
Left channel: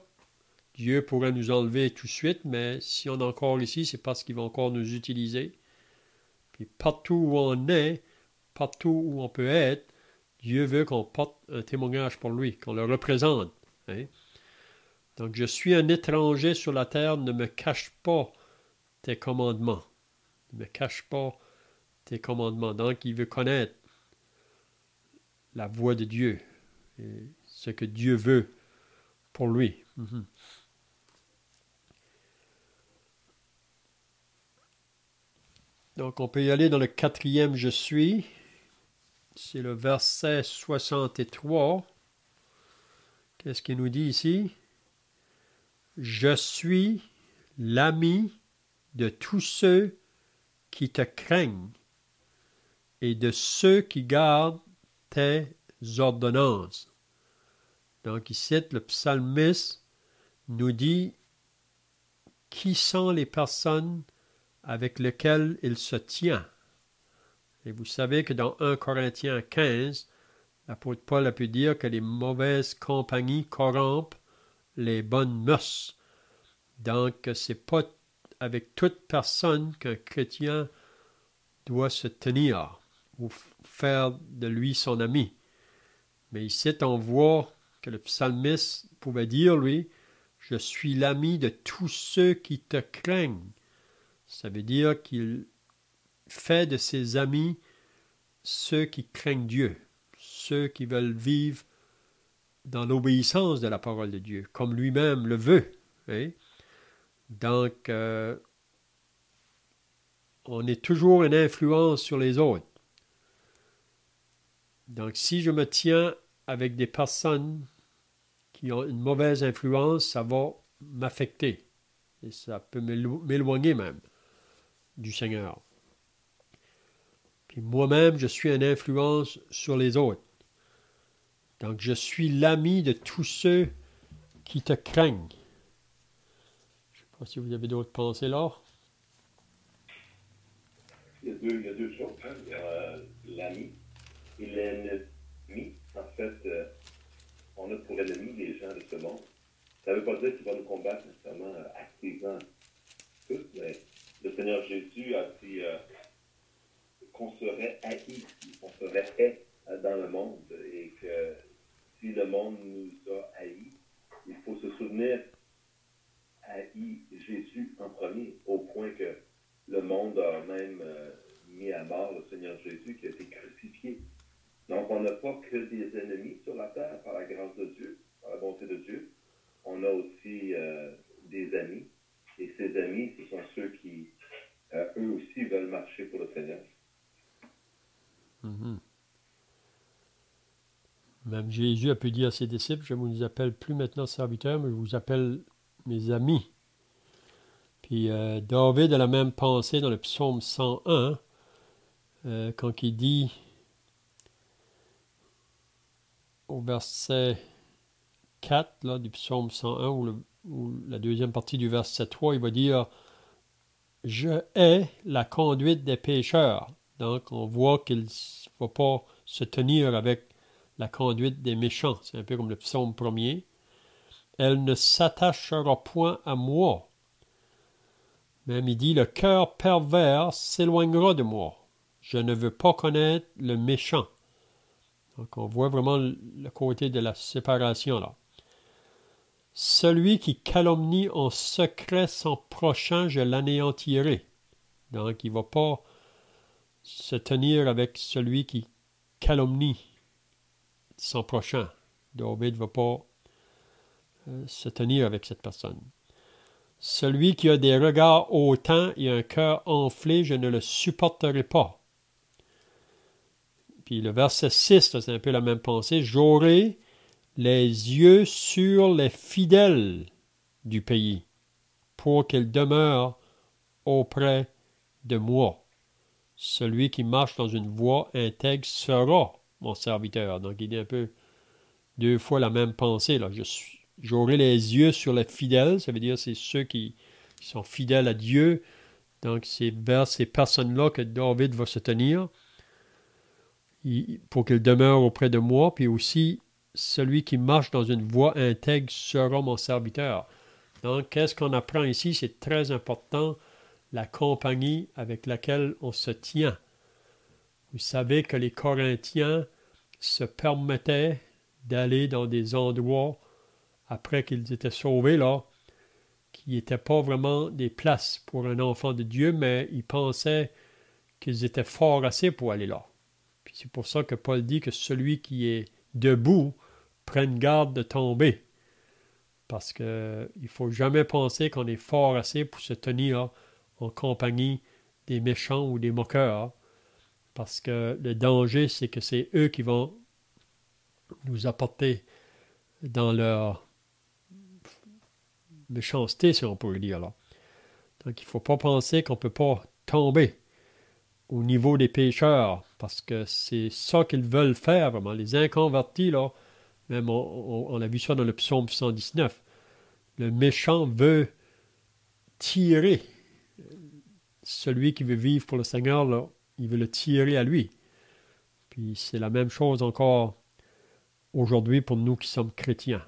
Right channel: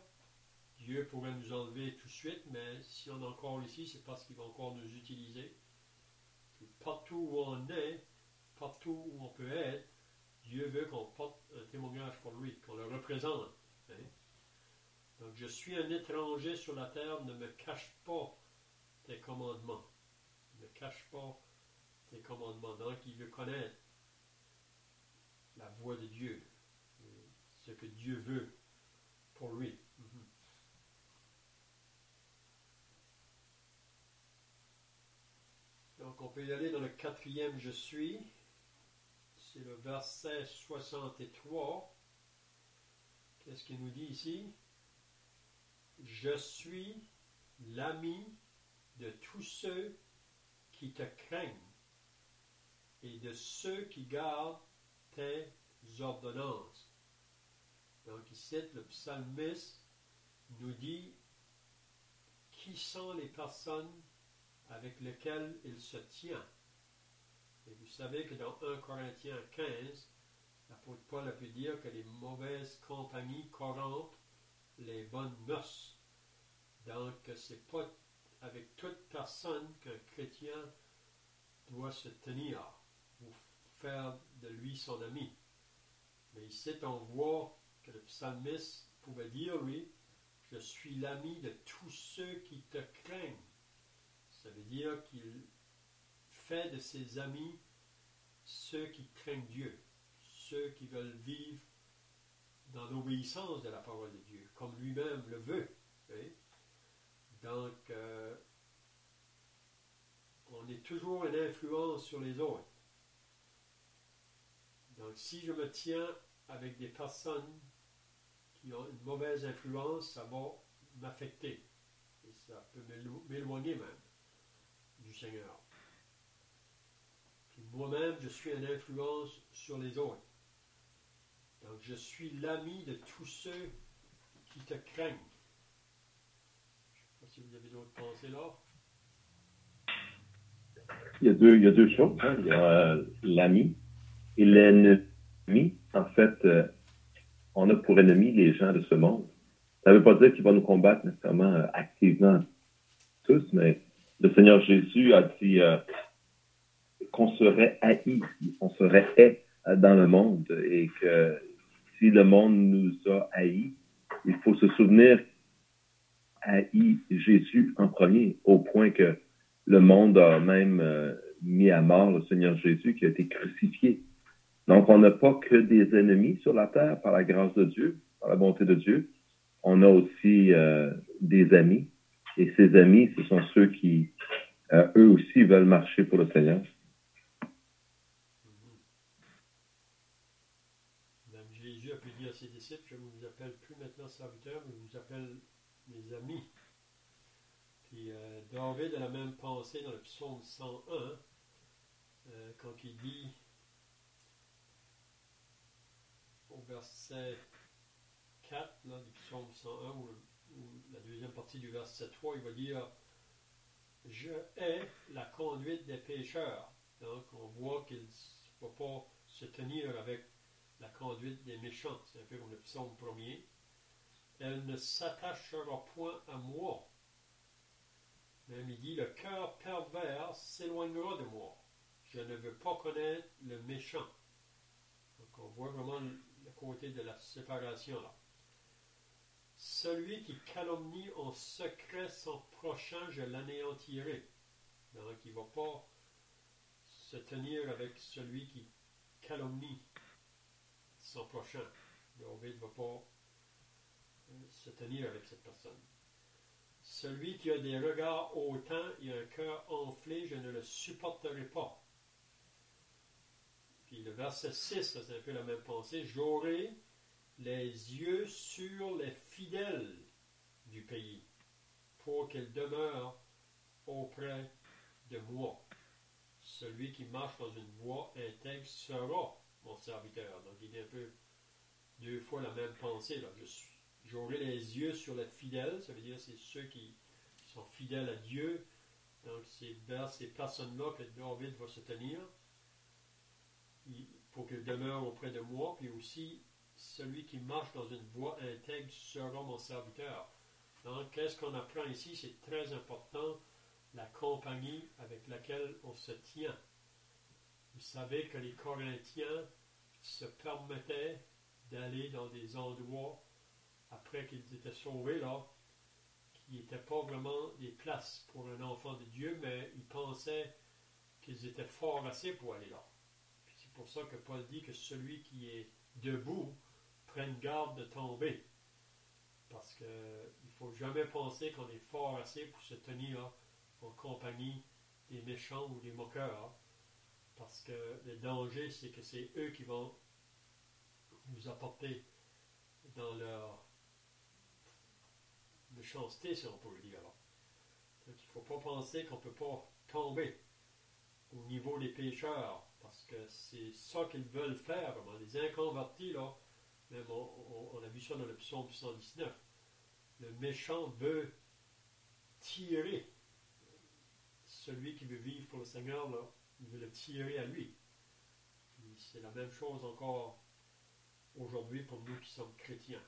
Dieu pourrait nous enlever tout de suite, mais si on est encore ici, c'est parce qu'il va encore nous utiliser. Puis, partout où on est, partout où on peut être, Dieu veut qu'on porte un témoignage pour lui, qu'on le représente. Hein? Donc, je suis un étranger sur la terre, ne me cache pas tes commandements. Ne me cache pas tes commandements. Donc, il veut connaître la voix de Dieu, et ce que Dieu veut pour lui. Mm-hmm. Donc, on peut y aller dans le 4e je suis. C'est le verset 63. Qu'est-ce qu'il nous dit ici? Je suis l'ami de tous ceux qui te craignent et de ceux qui gardent tes ordonnances. Donc ici, le psalmiste nous dit qui sont les personnes avec lesquelles il se tient. Et vous savez que dans 1 Corinthiens 15, l'apôtre Paul a pu dire que les mauvaises compagnies corrompent les bonnes mœurs. Donc, ce n'est pas avec toute personne qu'un chrétien doit se tenir ou faire de lui son ami. Mais ici, on voit que le psalmiste pouvait dire, lui, « Je suis l'ami de tous ceux qui te craignent. » Ça veut dire qu'il fait de ses amis ceux qui craignent Dieu, ceux qui veulent vivre dans l'obéissance de la parole de Dieu, comme lui-même le veut. Hein? Donc, on est toujours une influence sur les autres. Donc, si je me tiens avec des personnes qui ont une mauvaise influence, ça va m'affecter. Et ça peut m'éloigner même du Seigneur. Puis moi-même, je suis une influence sur les autres. Donc, je suis l'ami de tous ceux qui te craignent. Je ne sais pas si vous avez d'autres pensées là. Il y a deux choses. Hein. Il y a l'ami et l'ennemi. En fait, on a pour ennemi les gens de ce monde. Ça ne veut pas dire qu'il va nous combattre nécessairement activement tous, mais le Seigneur Jésus a dit qu'on serait haï, on serait haï dans le monde et que si le monde nous a haïs, il faut se souvenir haï Jésus en premier, au point que le monde a même mis à mort le Seigneur Jésus qui a été crucifié. Donc, on n'a pas que des ennemis sur la terre par la grâce de Dieu, par la bonté de Dieu. On a aussi des amis. Et ces amis, ce sont ceux qui, eux aussi, veulent marcher pour le Seigneur. Mm-hmm. Même Jésus a pu dire à ses disciples, je ne vous appelle plus maintenant serviteurs, mais je vous appelle mes amis. Puis David a la même pensée dans le psaume 101, quand il dit au verset 4 là, du psaume 101, ou la deuxième partie du verset 3, il va dire « Je hais la conduite des pécheurs ». Donc, on voit qu'il ne va pas se tenir avec la conduite des méchants. C'est un peu comme le psaume premier. « Elle ne s'attachera point à moi. » Même il dit « Le cœur pervers s'éloignera de moi. Je ne veux pas connaître le méchant. » Donc, on voit vraiment le côté de la séparation là. Celui qui calomnie en secret son prochain, je l'anéantirai. Donc, il ne va pas se tenir avec celui qui calomnie son prochain. David ne va pas se tenir avec cette personne. Celui qui a des regards hautains et un cœur enflé, je ne le supporterai pas. Puis le verset 6, là, c'est un peu la même pensée. J'aurai les yeux sur les fidèles du pays, pour qu'ils demeurent auprès de moi. Celui qui marche dans une voie intègre sera mon serviteur. Donc, il dit un peu deux fois la même pensée. Là. J'aurai les yeux sur les fidèles, ça veut dire c'est ceux qui sont fidèles à Dieu. Donc, c'est vers ces personnes-là que David va se tenir pour qu'ils demeurent auprès de moi. Puis aussi, celui qui marche dans une voie intègre sera mon serviteur. Donc, qu'est-ce qu'on apprend ici? C'est très important, la compagnie avec laquelle on se tient. Vous savez que les Corinthiens se permettaient d'aller dans des endroits, après qu'ils étaient sauvés, là, qui n'étaient pas vraiment des places pour un enfant de Dieu, mais ils pensaient qu'ils étaient forts assez pour aller là. Puis c'est pour ça que Paul dit que celui qui est debout prenne garde de tomber. Parce qu'il ne faut jamais penser qu'on est fort assez pour se tenir en compagnie des méchants ou des moqueurs. Parce que le danger, c'est que c'est eux qui vont nous apporter dans leur méchanceté, si on peut le dire là. Donc, il ne faut pas penser qu'on ne peut pas tomber au niveau des pécheurs, parce que c'est ça qu'ils veulent faire, vraiment. Les inconvertis, là, même on a vu ça dans le psaume 119. Le méchant veut tirer celui qui veut vivre pour le Seigneur, là, il veut le tirer à lui. Puis c'est la même chose encore aujourd'hui pour nous qui sommes chrétiens.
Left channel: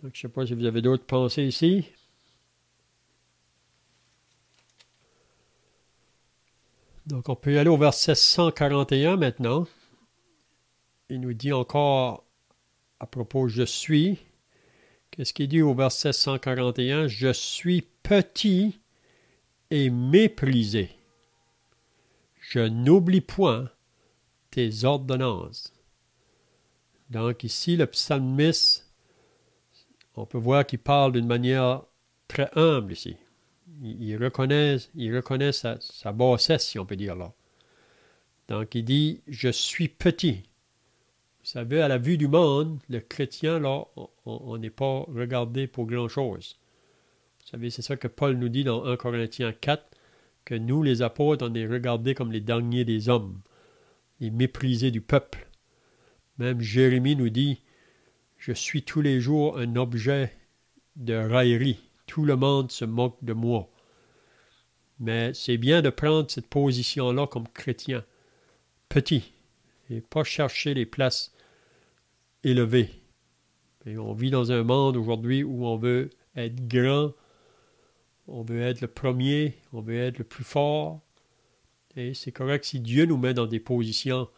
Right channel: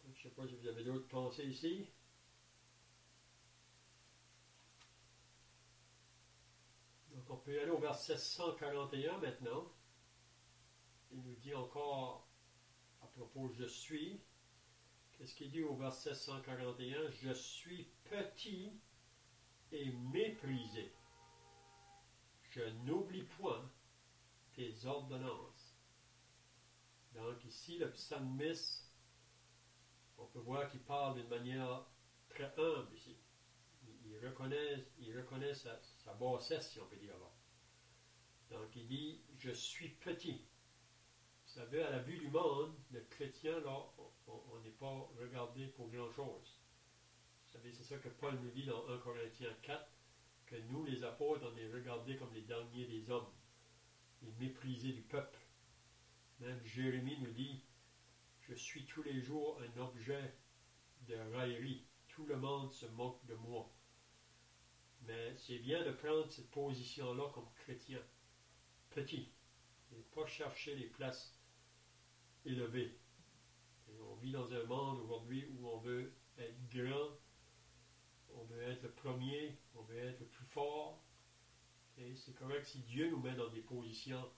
Donc, je ne sais pas si vous avez d'autres pensées ici. Donc, on peut y aller au verset 141 maintenant. Il nous dit encore à propos je suis. Qu'est-ce qu'il dit au verset 141? Je suis petit et méprisé. Je n'oublie point tes ordonnances. Donc ici, le psalmiste, on peut voir qu'il parle d'une manière très humble ici. Il reconnaît sa bassesse, si on peut dire là. Donc il dit, je suis petit. Vous savez, à la vue du monde, le chrétien, là, on n'est pas regardé pour grand-chose. Vous savez, c'est ça que Paul nous dit dans 1 Corinthiens 4, que nous, les apôtres, on est regardés comme les derniers des hommes, les méprisés du peuple. Même Jérémie nous dit, je suis tous les jours un objet de raillerie. Tout le monde se moque de moi. Mais c'est bien de prendre cette position-là comme chrétien, petit, et pas chercher les places élevées. Et on vit dans un monde aujourd'hui où on veut être grand, on veut être le premier, on veut être le plus fort. Et c'est correct si Dieu nous met dans des positions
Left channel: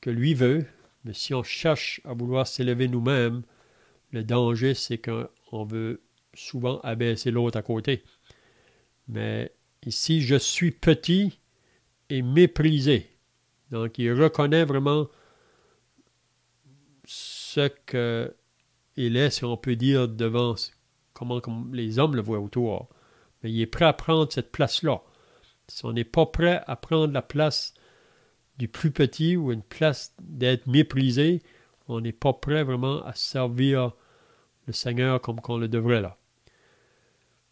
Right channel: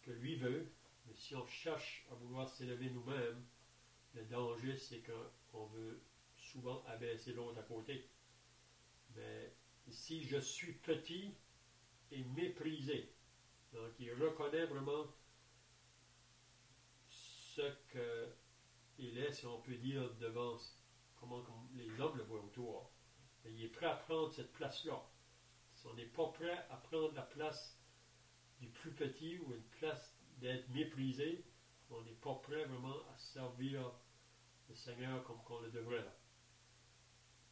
que lui veut, mais si on cherche à vouloir s'élever nous-mêmes, le danger, c'est qu'on veut souvent abaisser l'autre à côté. Mais ici, je suis petit et méprisé. Donc, il reconnaît vraiment ce qu'il est, si on peut dire, devant comment les hommes le voient autour. Mais il est prêt à prendre cette place-là. Si on n'est pas prêt à prendre la place du plus petit ou une place d'être méprisé, on n'est pas prêt vraiment à servir le Seigneur comme qu'on le devrait là.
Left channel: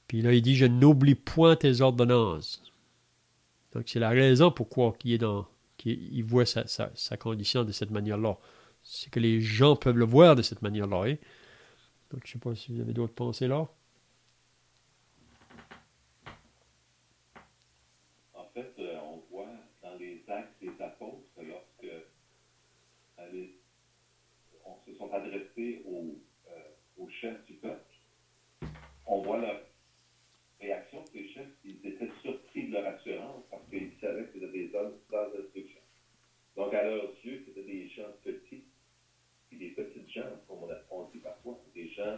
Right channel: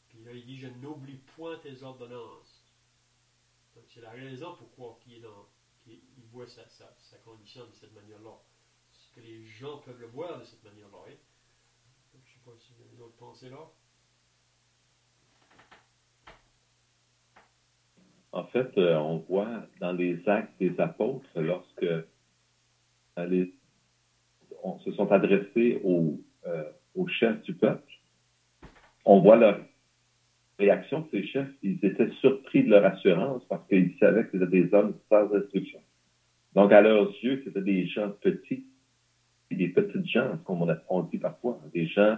Puis là, il dit, je n'oublie point tes ordonnances. Donc, c'est la raison pourquoi il voit sa condition de cette manière-là. C'est que les gens peuvent le voir de cette manière-là. Hein? Donc, je ne sais pas si vous avez d'autres pensées là. En fait, on voit dans les actes des apôtres, lorsque on se sont adressés aux chefs du peuple, on voit leur réaction de ces chefs. Ils étaient surpris de leur assurance parce qu'ils savaient que c'était des hommes sans instruction. Donc, à leurs yeux, c'était des gens petits, des petites gens, comme on dit parfois, des gens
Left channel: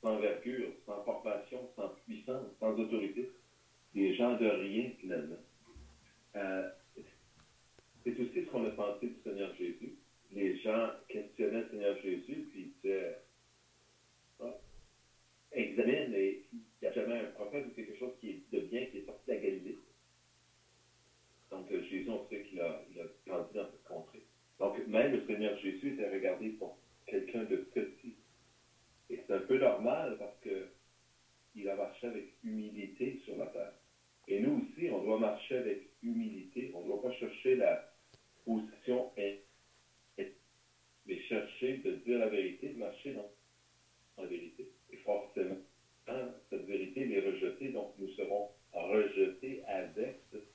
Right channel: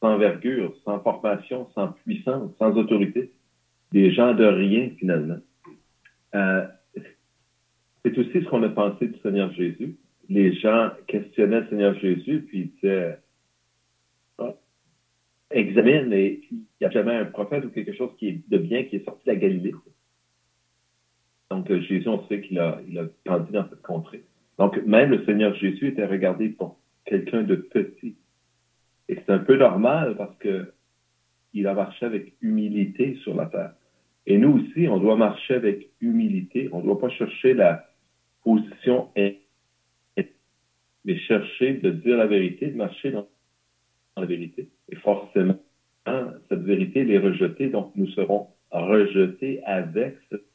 sans envergure, sans formation, sans puissance, sans autorité, des gens de rien finalement. C'est aussi ce qu'on a pensé du Seigneur Jésus. Les gens questionnaient le Seigneur Jésus, puis ils disaient examine, et il n'y a jamais un prophète ou quelque chose de bien qui est sorti de la Galilée. Donc Jésus, on sait qu'il a grandi dans cette contrée. Donc même le Seigneur Jésus était regardé pour quelqu'un de petit. Et c'est un peu normal parce qu'il a marché avec humilité sur la terre. Et nous aussi, on doit marcher avec humilité. On ne doit pas chercher la position, mais chercher de dire la vérité, de marcher dans la vérité. Et forcément, cette vérité, elle est rejetée. Donc, nous serons rejetés avec cette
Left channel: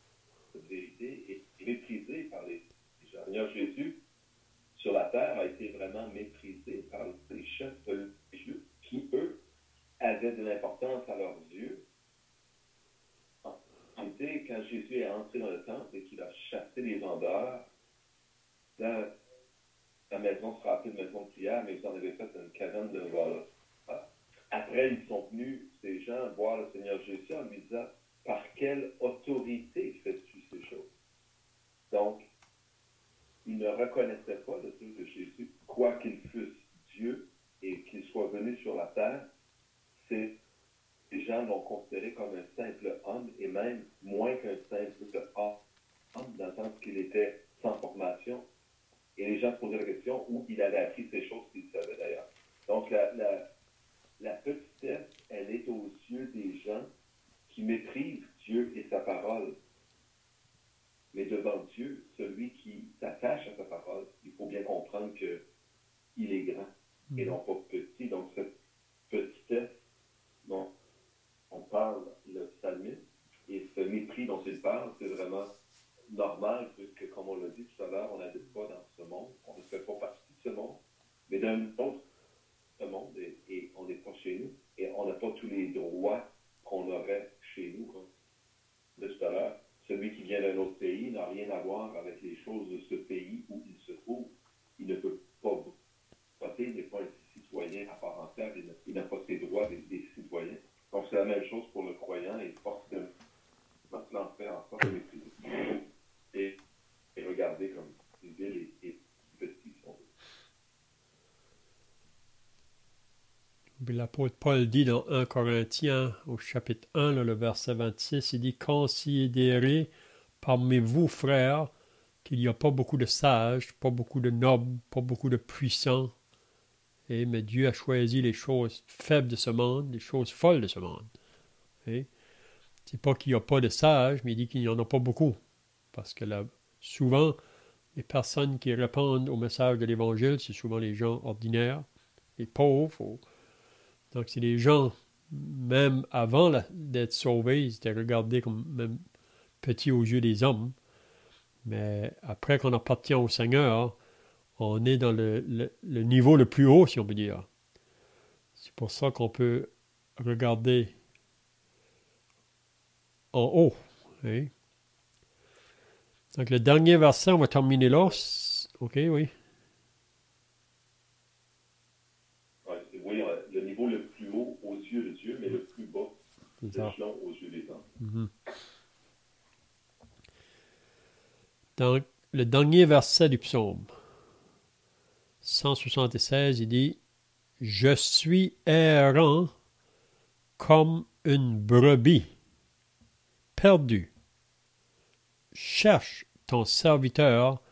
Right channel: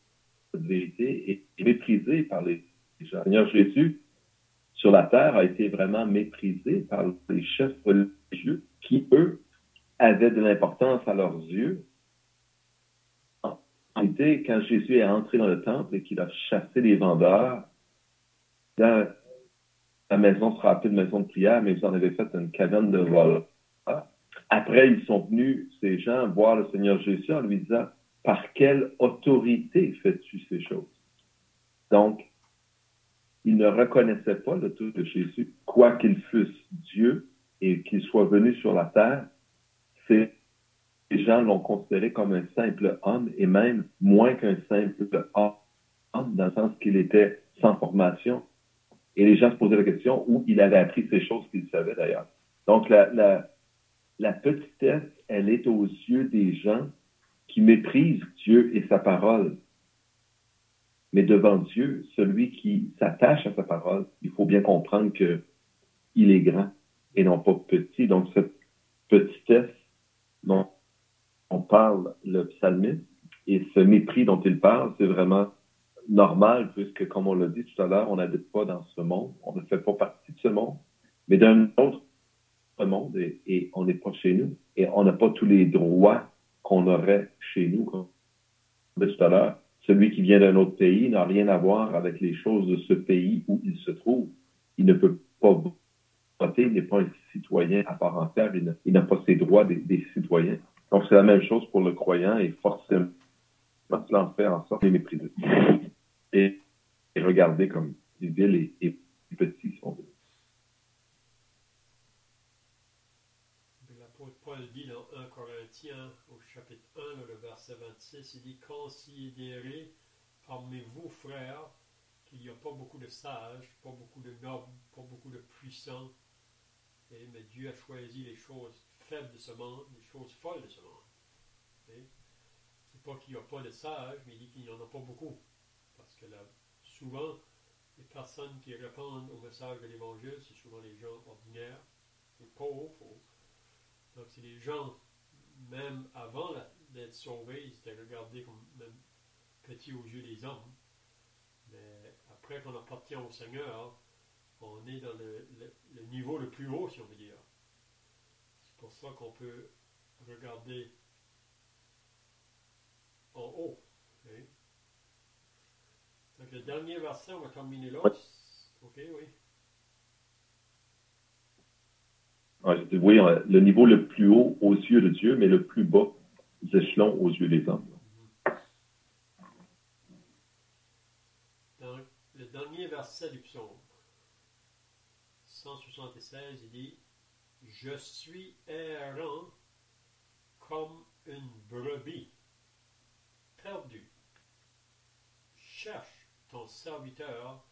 vérité et méprisés par les gens. Le Seigneur Jésus, sur la terre, a été vraiment méprisé par les chefs religieux qui, eux, avaient de l'importance à leurs yeux. En réalité, quand Jésus est entré dans le temple et qu'il a chassé les vendeurs, la maison sera appelée de maison de prière, mais ils en avaient fait une caverne de vol. Après, ils sont venus, ces gens, voir le Seigneur Jésus en lui disant, par quelle autorité fais-tu ces choses? Donc, ils ne reconnaissaient pas l'autorité de Jésus, quoi qu'il fût Dieu et qu'il soit venu sur la terre. Les gens l'ont considéré comme un simple homme et même moins qu'un simple homme, dans le sens qu'il était sans formation. Et les gens se posaient la question où il avait appris ces choses qu'il savait d'ailleurs. Donc, la petitesse, elle est aux yeux des gens qui méprisent Dieu et sa parole. Mais devant Dieu, celui qui s'attache à sa parole, il faut bien comprendre qu'il est grand et non pas petit. Donc, cette petitesse dont on parle le psalmiste et ce mépris dont il parle, c'est vraiment normal puisque, comme on l'a dit tout à l'heure, on n'habite pas dans ce monde, on ne fait pas partie de ce monde, mais d'un autre monde et on n'est pas chez nous et on n'a pas tous les droits qu'on aurait chez nous, comme on dit tout à l'heure. celui qui vient d'un autre pays n'a rien à voir avec les choses de ce pays où il se trouve. Il ne peut pas voter, il n'est pas un citoyen à part entière, il n'a pas ses droits des citoyens. Donc, c'est la même chose pour le croyant et forcément, cela en fait en sorte qu'il est méprisé. Et regardé comme vil et petit, si on veut. L'apôtre Paul dit dans 1 Corinthiens, au chapitre 1, là, le verset 26, il dit « Considérez parmi vous, frères, qu'il n'y a pas beaucoup de sages, pas beaucoup de nobles, pas beaucoup de puissants, mais Dieu a choisi les choses faibles de ce monde, les choses folles de ce monde. » C'est pas qu'il n'y a pas de sages, mais il dit qu'il n'y en a pas beaucoup. Parce que là, souvent, les personnes qui répondent au message de l'Évangile, c'est souvent les gens ordinaires, les pauvres. Donc, c'est des gens, même avant d'être sauvés, ils étaient regardés comme même petits aux yeux des hommes. Mais après qu'on appartient au Seigneur, on est dans le niveau le plus haut, si on peut dire. C'est pour ça qu'on peut regarder en haut. Hein? Donc, le dernier verset, on va terminer là. OK, oui. Oui, le niveau le plus haut aux yeux de Dieu, mais le plus bas des échelons aux yeux des hommes. Dans le dernier verset du psaume 176, il dit « Je suis errant comme une brebis perdue. Cherche ton serviteur,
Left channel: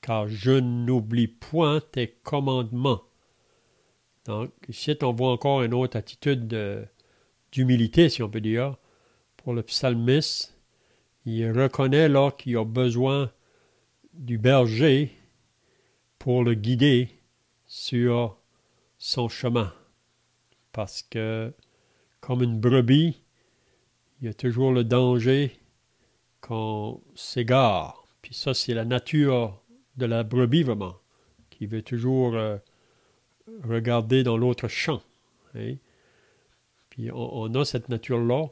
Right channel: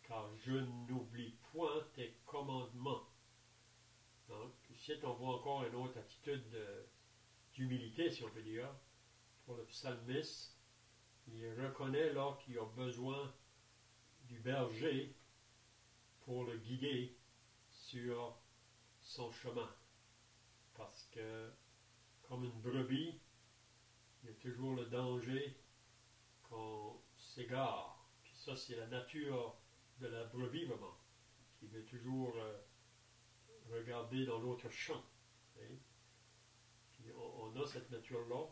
car je n'oublie point tes commandements. » Donc, ici, on voit encore une autre attitude d'humilité, si on peut dire, pour le psalmiste. Il reconnaît là qu'il a besoin du berger pour le guider sur son chemin. Parce que, comme une brebis, il y a toujours le danger qu'on s'égare. Puis ça, c'est la nature de la brebis, vraiment, qui veut toujours regarder dans l'autre champ. Hein? Puis on a cette nature-là.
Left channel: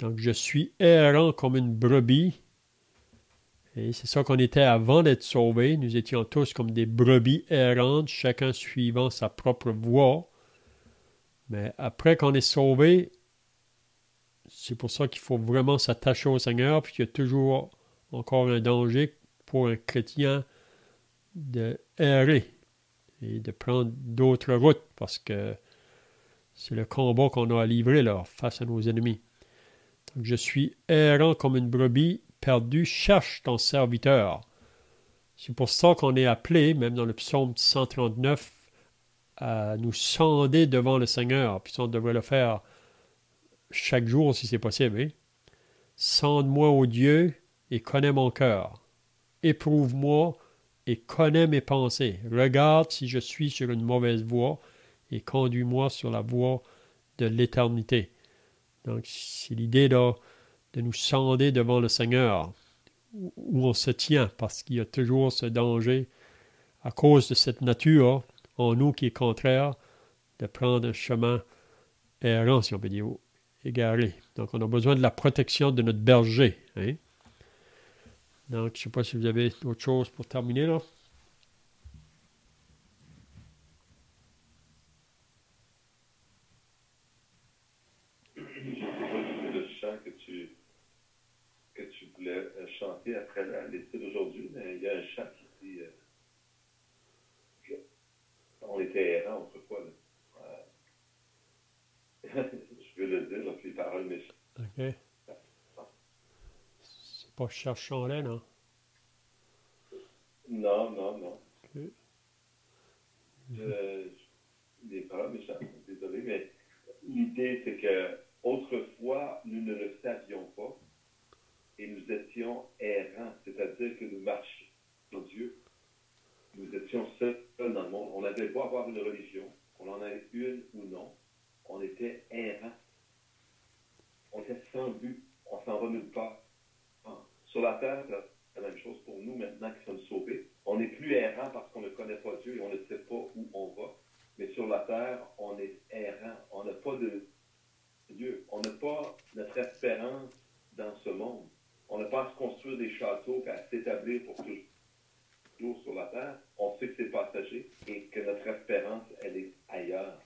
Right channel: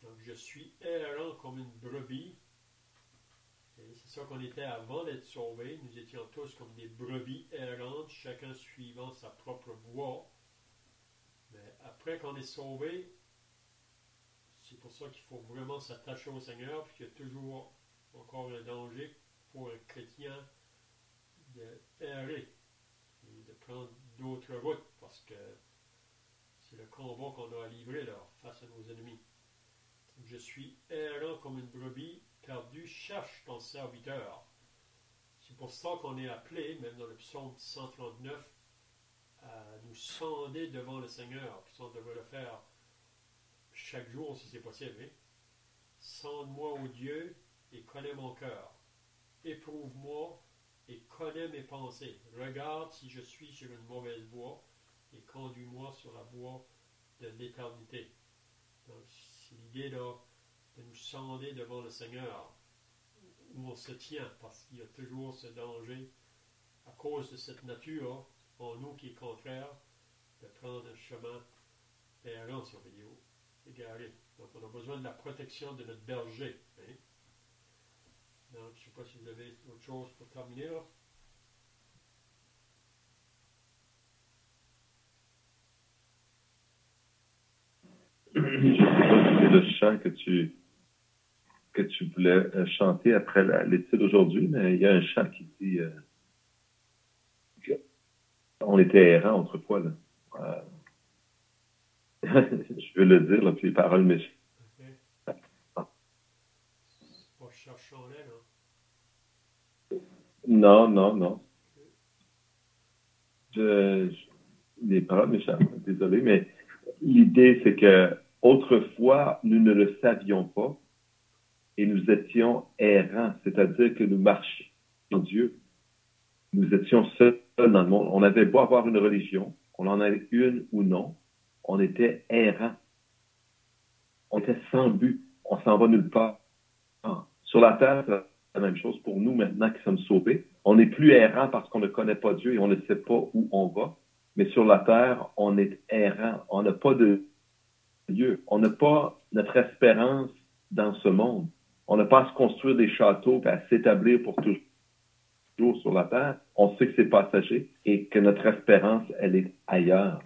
Donc, je suis errant comme une brebis. Et c'est ça qu'on était avant d'être sauvés. Nous étions tous comme des brebis errantes, chacun suivant sa propre voie. Mais après qu'on est sauvé, c'est pour ça qu'il faut vraiment s'attacher au Seigneur, puis qu'il y a toujours encore un danger pour un chrétien de errer et de prendre d'autres routes, parce que c'est le combat qu'on a à livrer là, face à nos ennemis. Donc, je suis errant comme une brebis perdue, cherche ton serviteur. C'est pour ça qu'on est appelé, même dans le psaume 139, à nous sonder devant le Seigneur. Puis on devrait le faire chaque jour si c'est possible. Hein? Sonde-moi, ô Dieu, et connais mon cœur. Éprouve-moi et connais mes pensées. Regarde si je suis sur une mauvaise voie et conduis-moi sur la voie de l'éternité. Donc, c'est l'idée là, de nous sonder devant le Seigneur, où on se tient, parce qu'il y a toujours ce danger, à cause de cette nature en nous qui est contraire, de prendre un chemin errant, si on peut dire, égaré. Donc, on a besoin de la protection de notre berger. Hein? Donc, je ne sais pas si vous avez autre chose pour terminer, là. Je ne sais pas si c'est le chant que tu voulais chanter après l'étude aujourd'hui, mais il y a un chant qui dit on était errants autrefois. Là. Je veux le dire, là, puis les paroles méchantes. OK. C'est pas cherchons-les, non? Non. Okay. Les paroles méchantes, désolé, mais l'idée, c'est que autrefois, nous ne le savions pas et nous étions errants, c'est-à-dire que nous marchions en Dieu. Nous étions seuls dans le monde. On n'avait pas à avoir une religion, on en avait une ou non, on était errants. On était sans but, on s'en va nulle part. Sur la terre, c'est la même chose pour nous maintenant qui sommes sauvés. On n'est plus errant parce qu'on ne connaît pas Dieu et on ne sait pas où on va. Mais sur la terre, on est errant. On n'a pas de Dieu. On n'a pas notre espérance dans ce monde. On n'a pas à se construire des châteaux et à s'établir pour toujours sur la terre. On sait que c'est passager et que notre espérance, elle est ailleurs.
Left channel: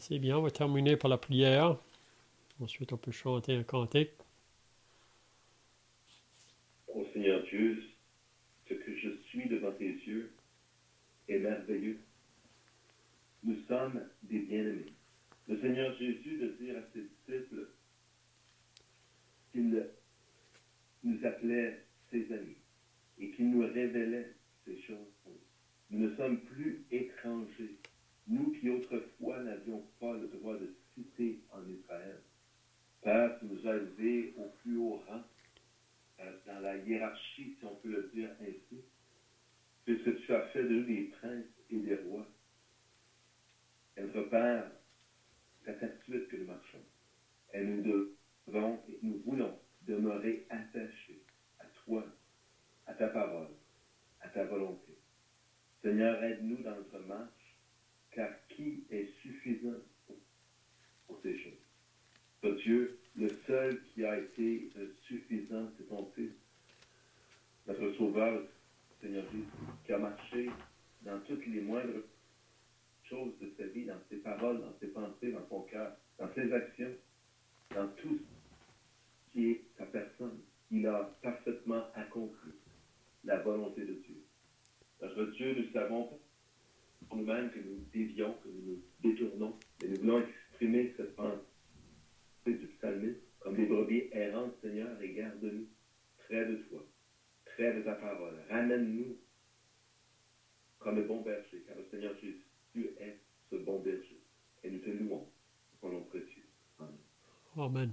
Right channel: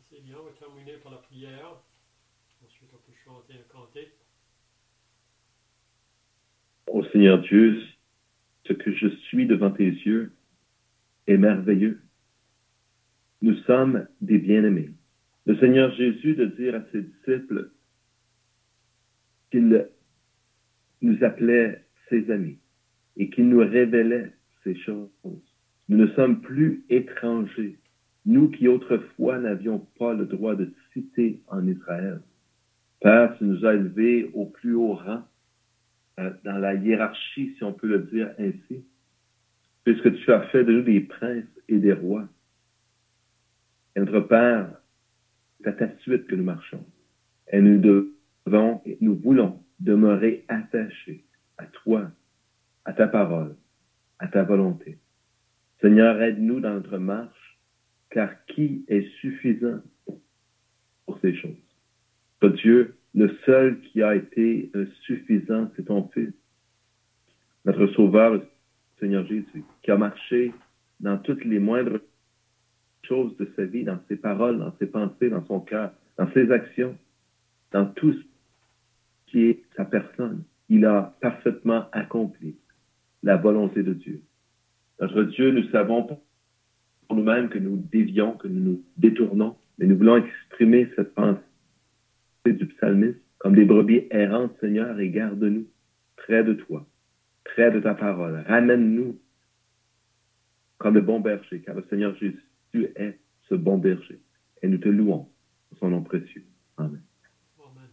C'est bien, on va terminer par la prière. Ensuite, on peut chanter un cantique. Ô Seigneur Dieu, ce que je suis devant tes yeux est merveilleux. Nous sommes des bien-aimés. Le Seigneur Jésus de dire à ses disciples qu'il nous appelait ses amis et qu'il nous révélait ces choses. Nous ne sommes plus étrangers. Nous qui autrefois n'avions pas le droit de citer en Israël. Père, tu nous as élevés au plus haut rang, dans la hiérarchie, si on peut le dire ainsi, puisque tu as fait de nous des princes et des rois. Et notre Père, c'est à ta suite que nous marchons. Et nous devons et nous voulons demeurer attachés à toi, à ta parole, à ta volonté. Seigneur, aide-nous dans notre marche, car qui est suffisant pour ces choses? Oh Dieu, le seul qui a été suffisant, c'est ton Fils, notre Sauveur, le Seigneur Jésus, qui a marché dans toutes les moindres choses de sa vie, dans ses paroles, dans ses pensées, dans son cœur, dans ses actions, dans tout ce qui est sa personne. Il a parfaitement accompli la volonté de Dieu. Notre Dieu, nous savons pour nous-mêmes que nous dévions, que nous nous détournons, mais nous voulons exprimer cette pensée du psalmiste comme des brebis errantes, Seigneur, et garde-nous près de toi, près de ta parole. Ramène-nous comme le bon berger, car le Seigneur Jésus est ce bon berger. Et nous te louons pour son nom précieux. Amen. Amen.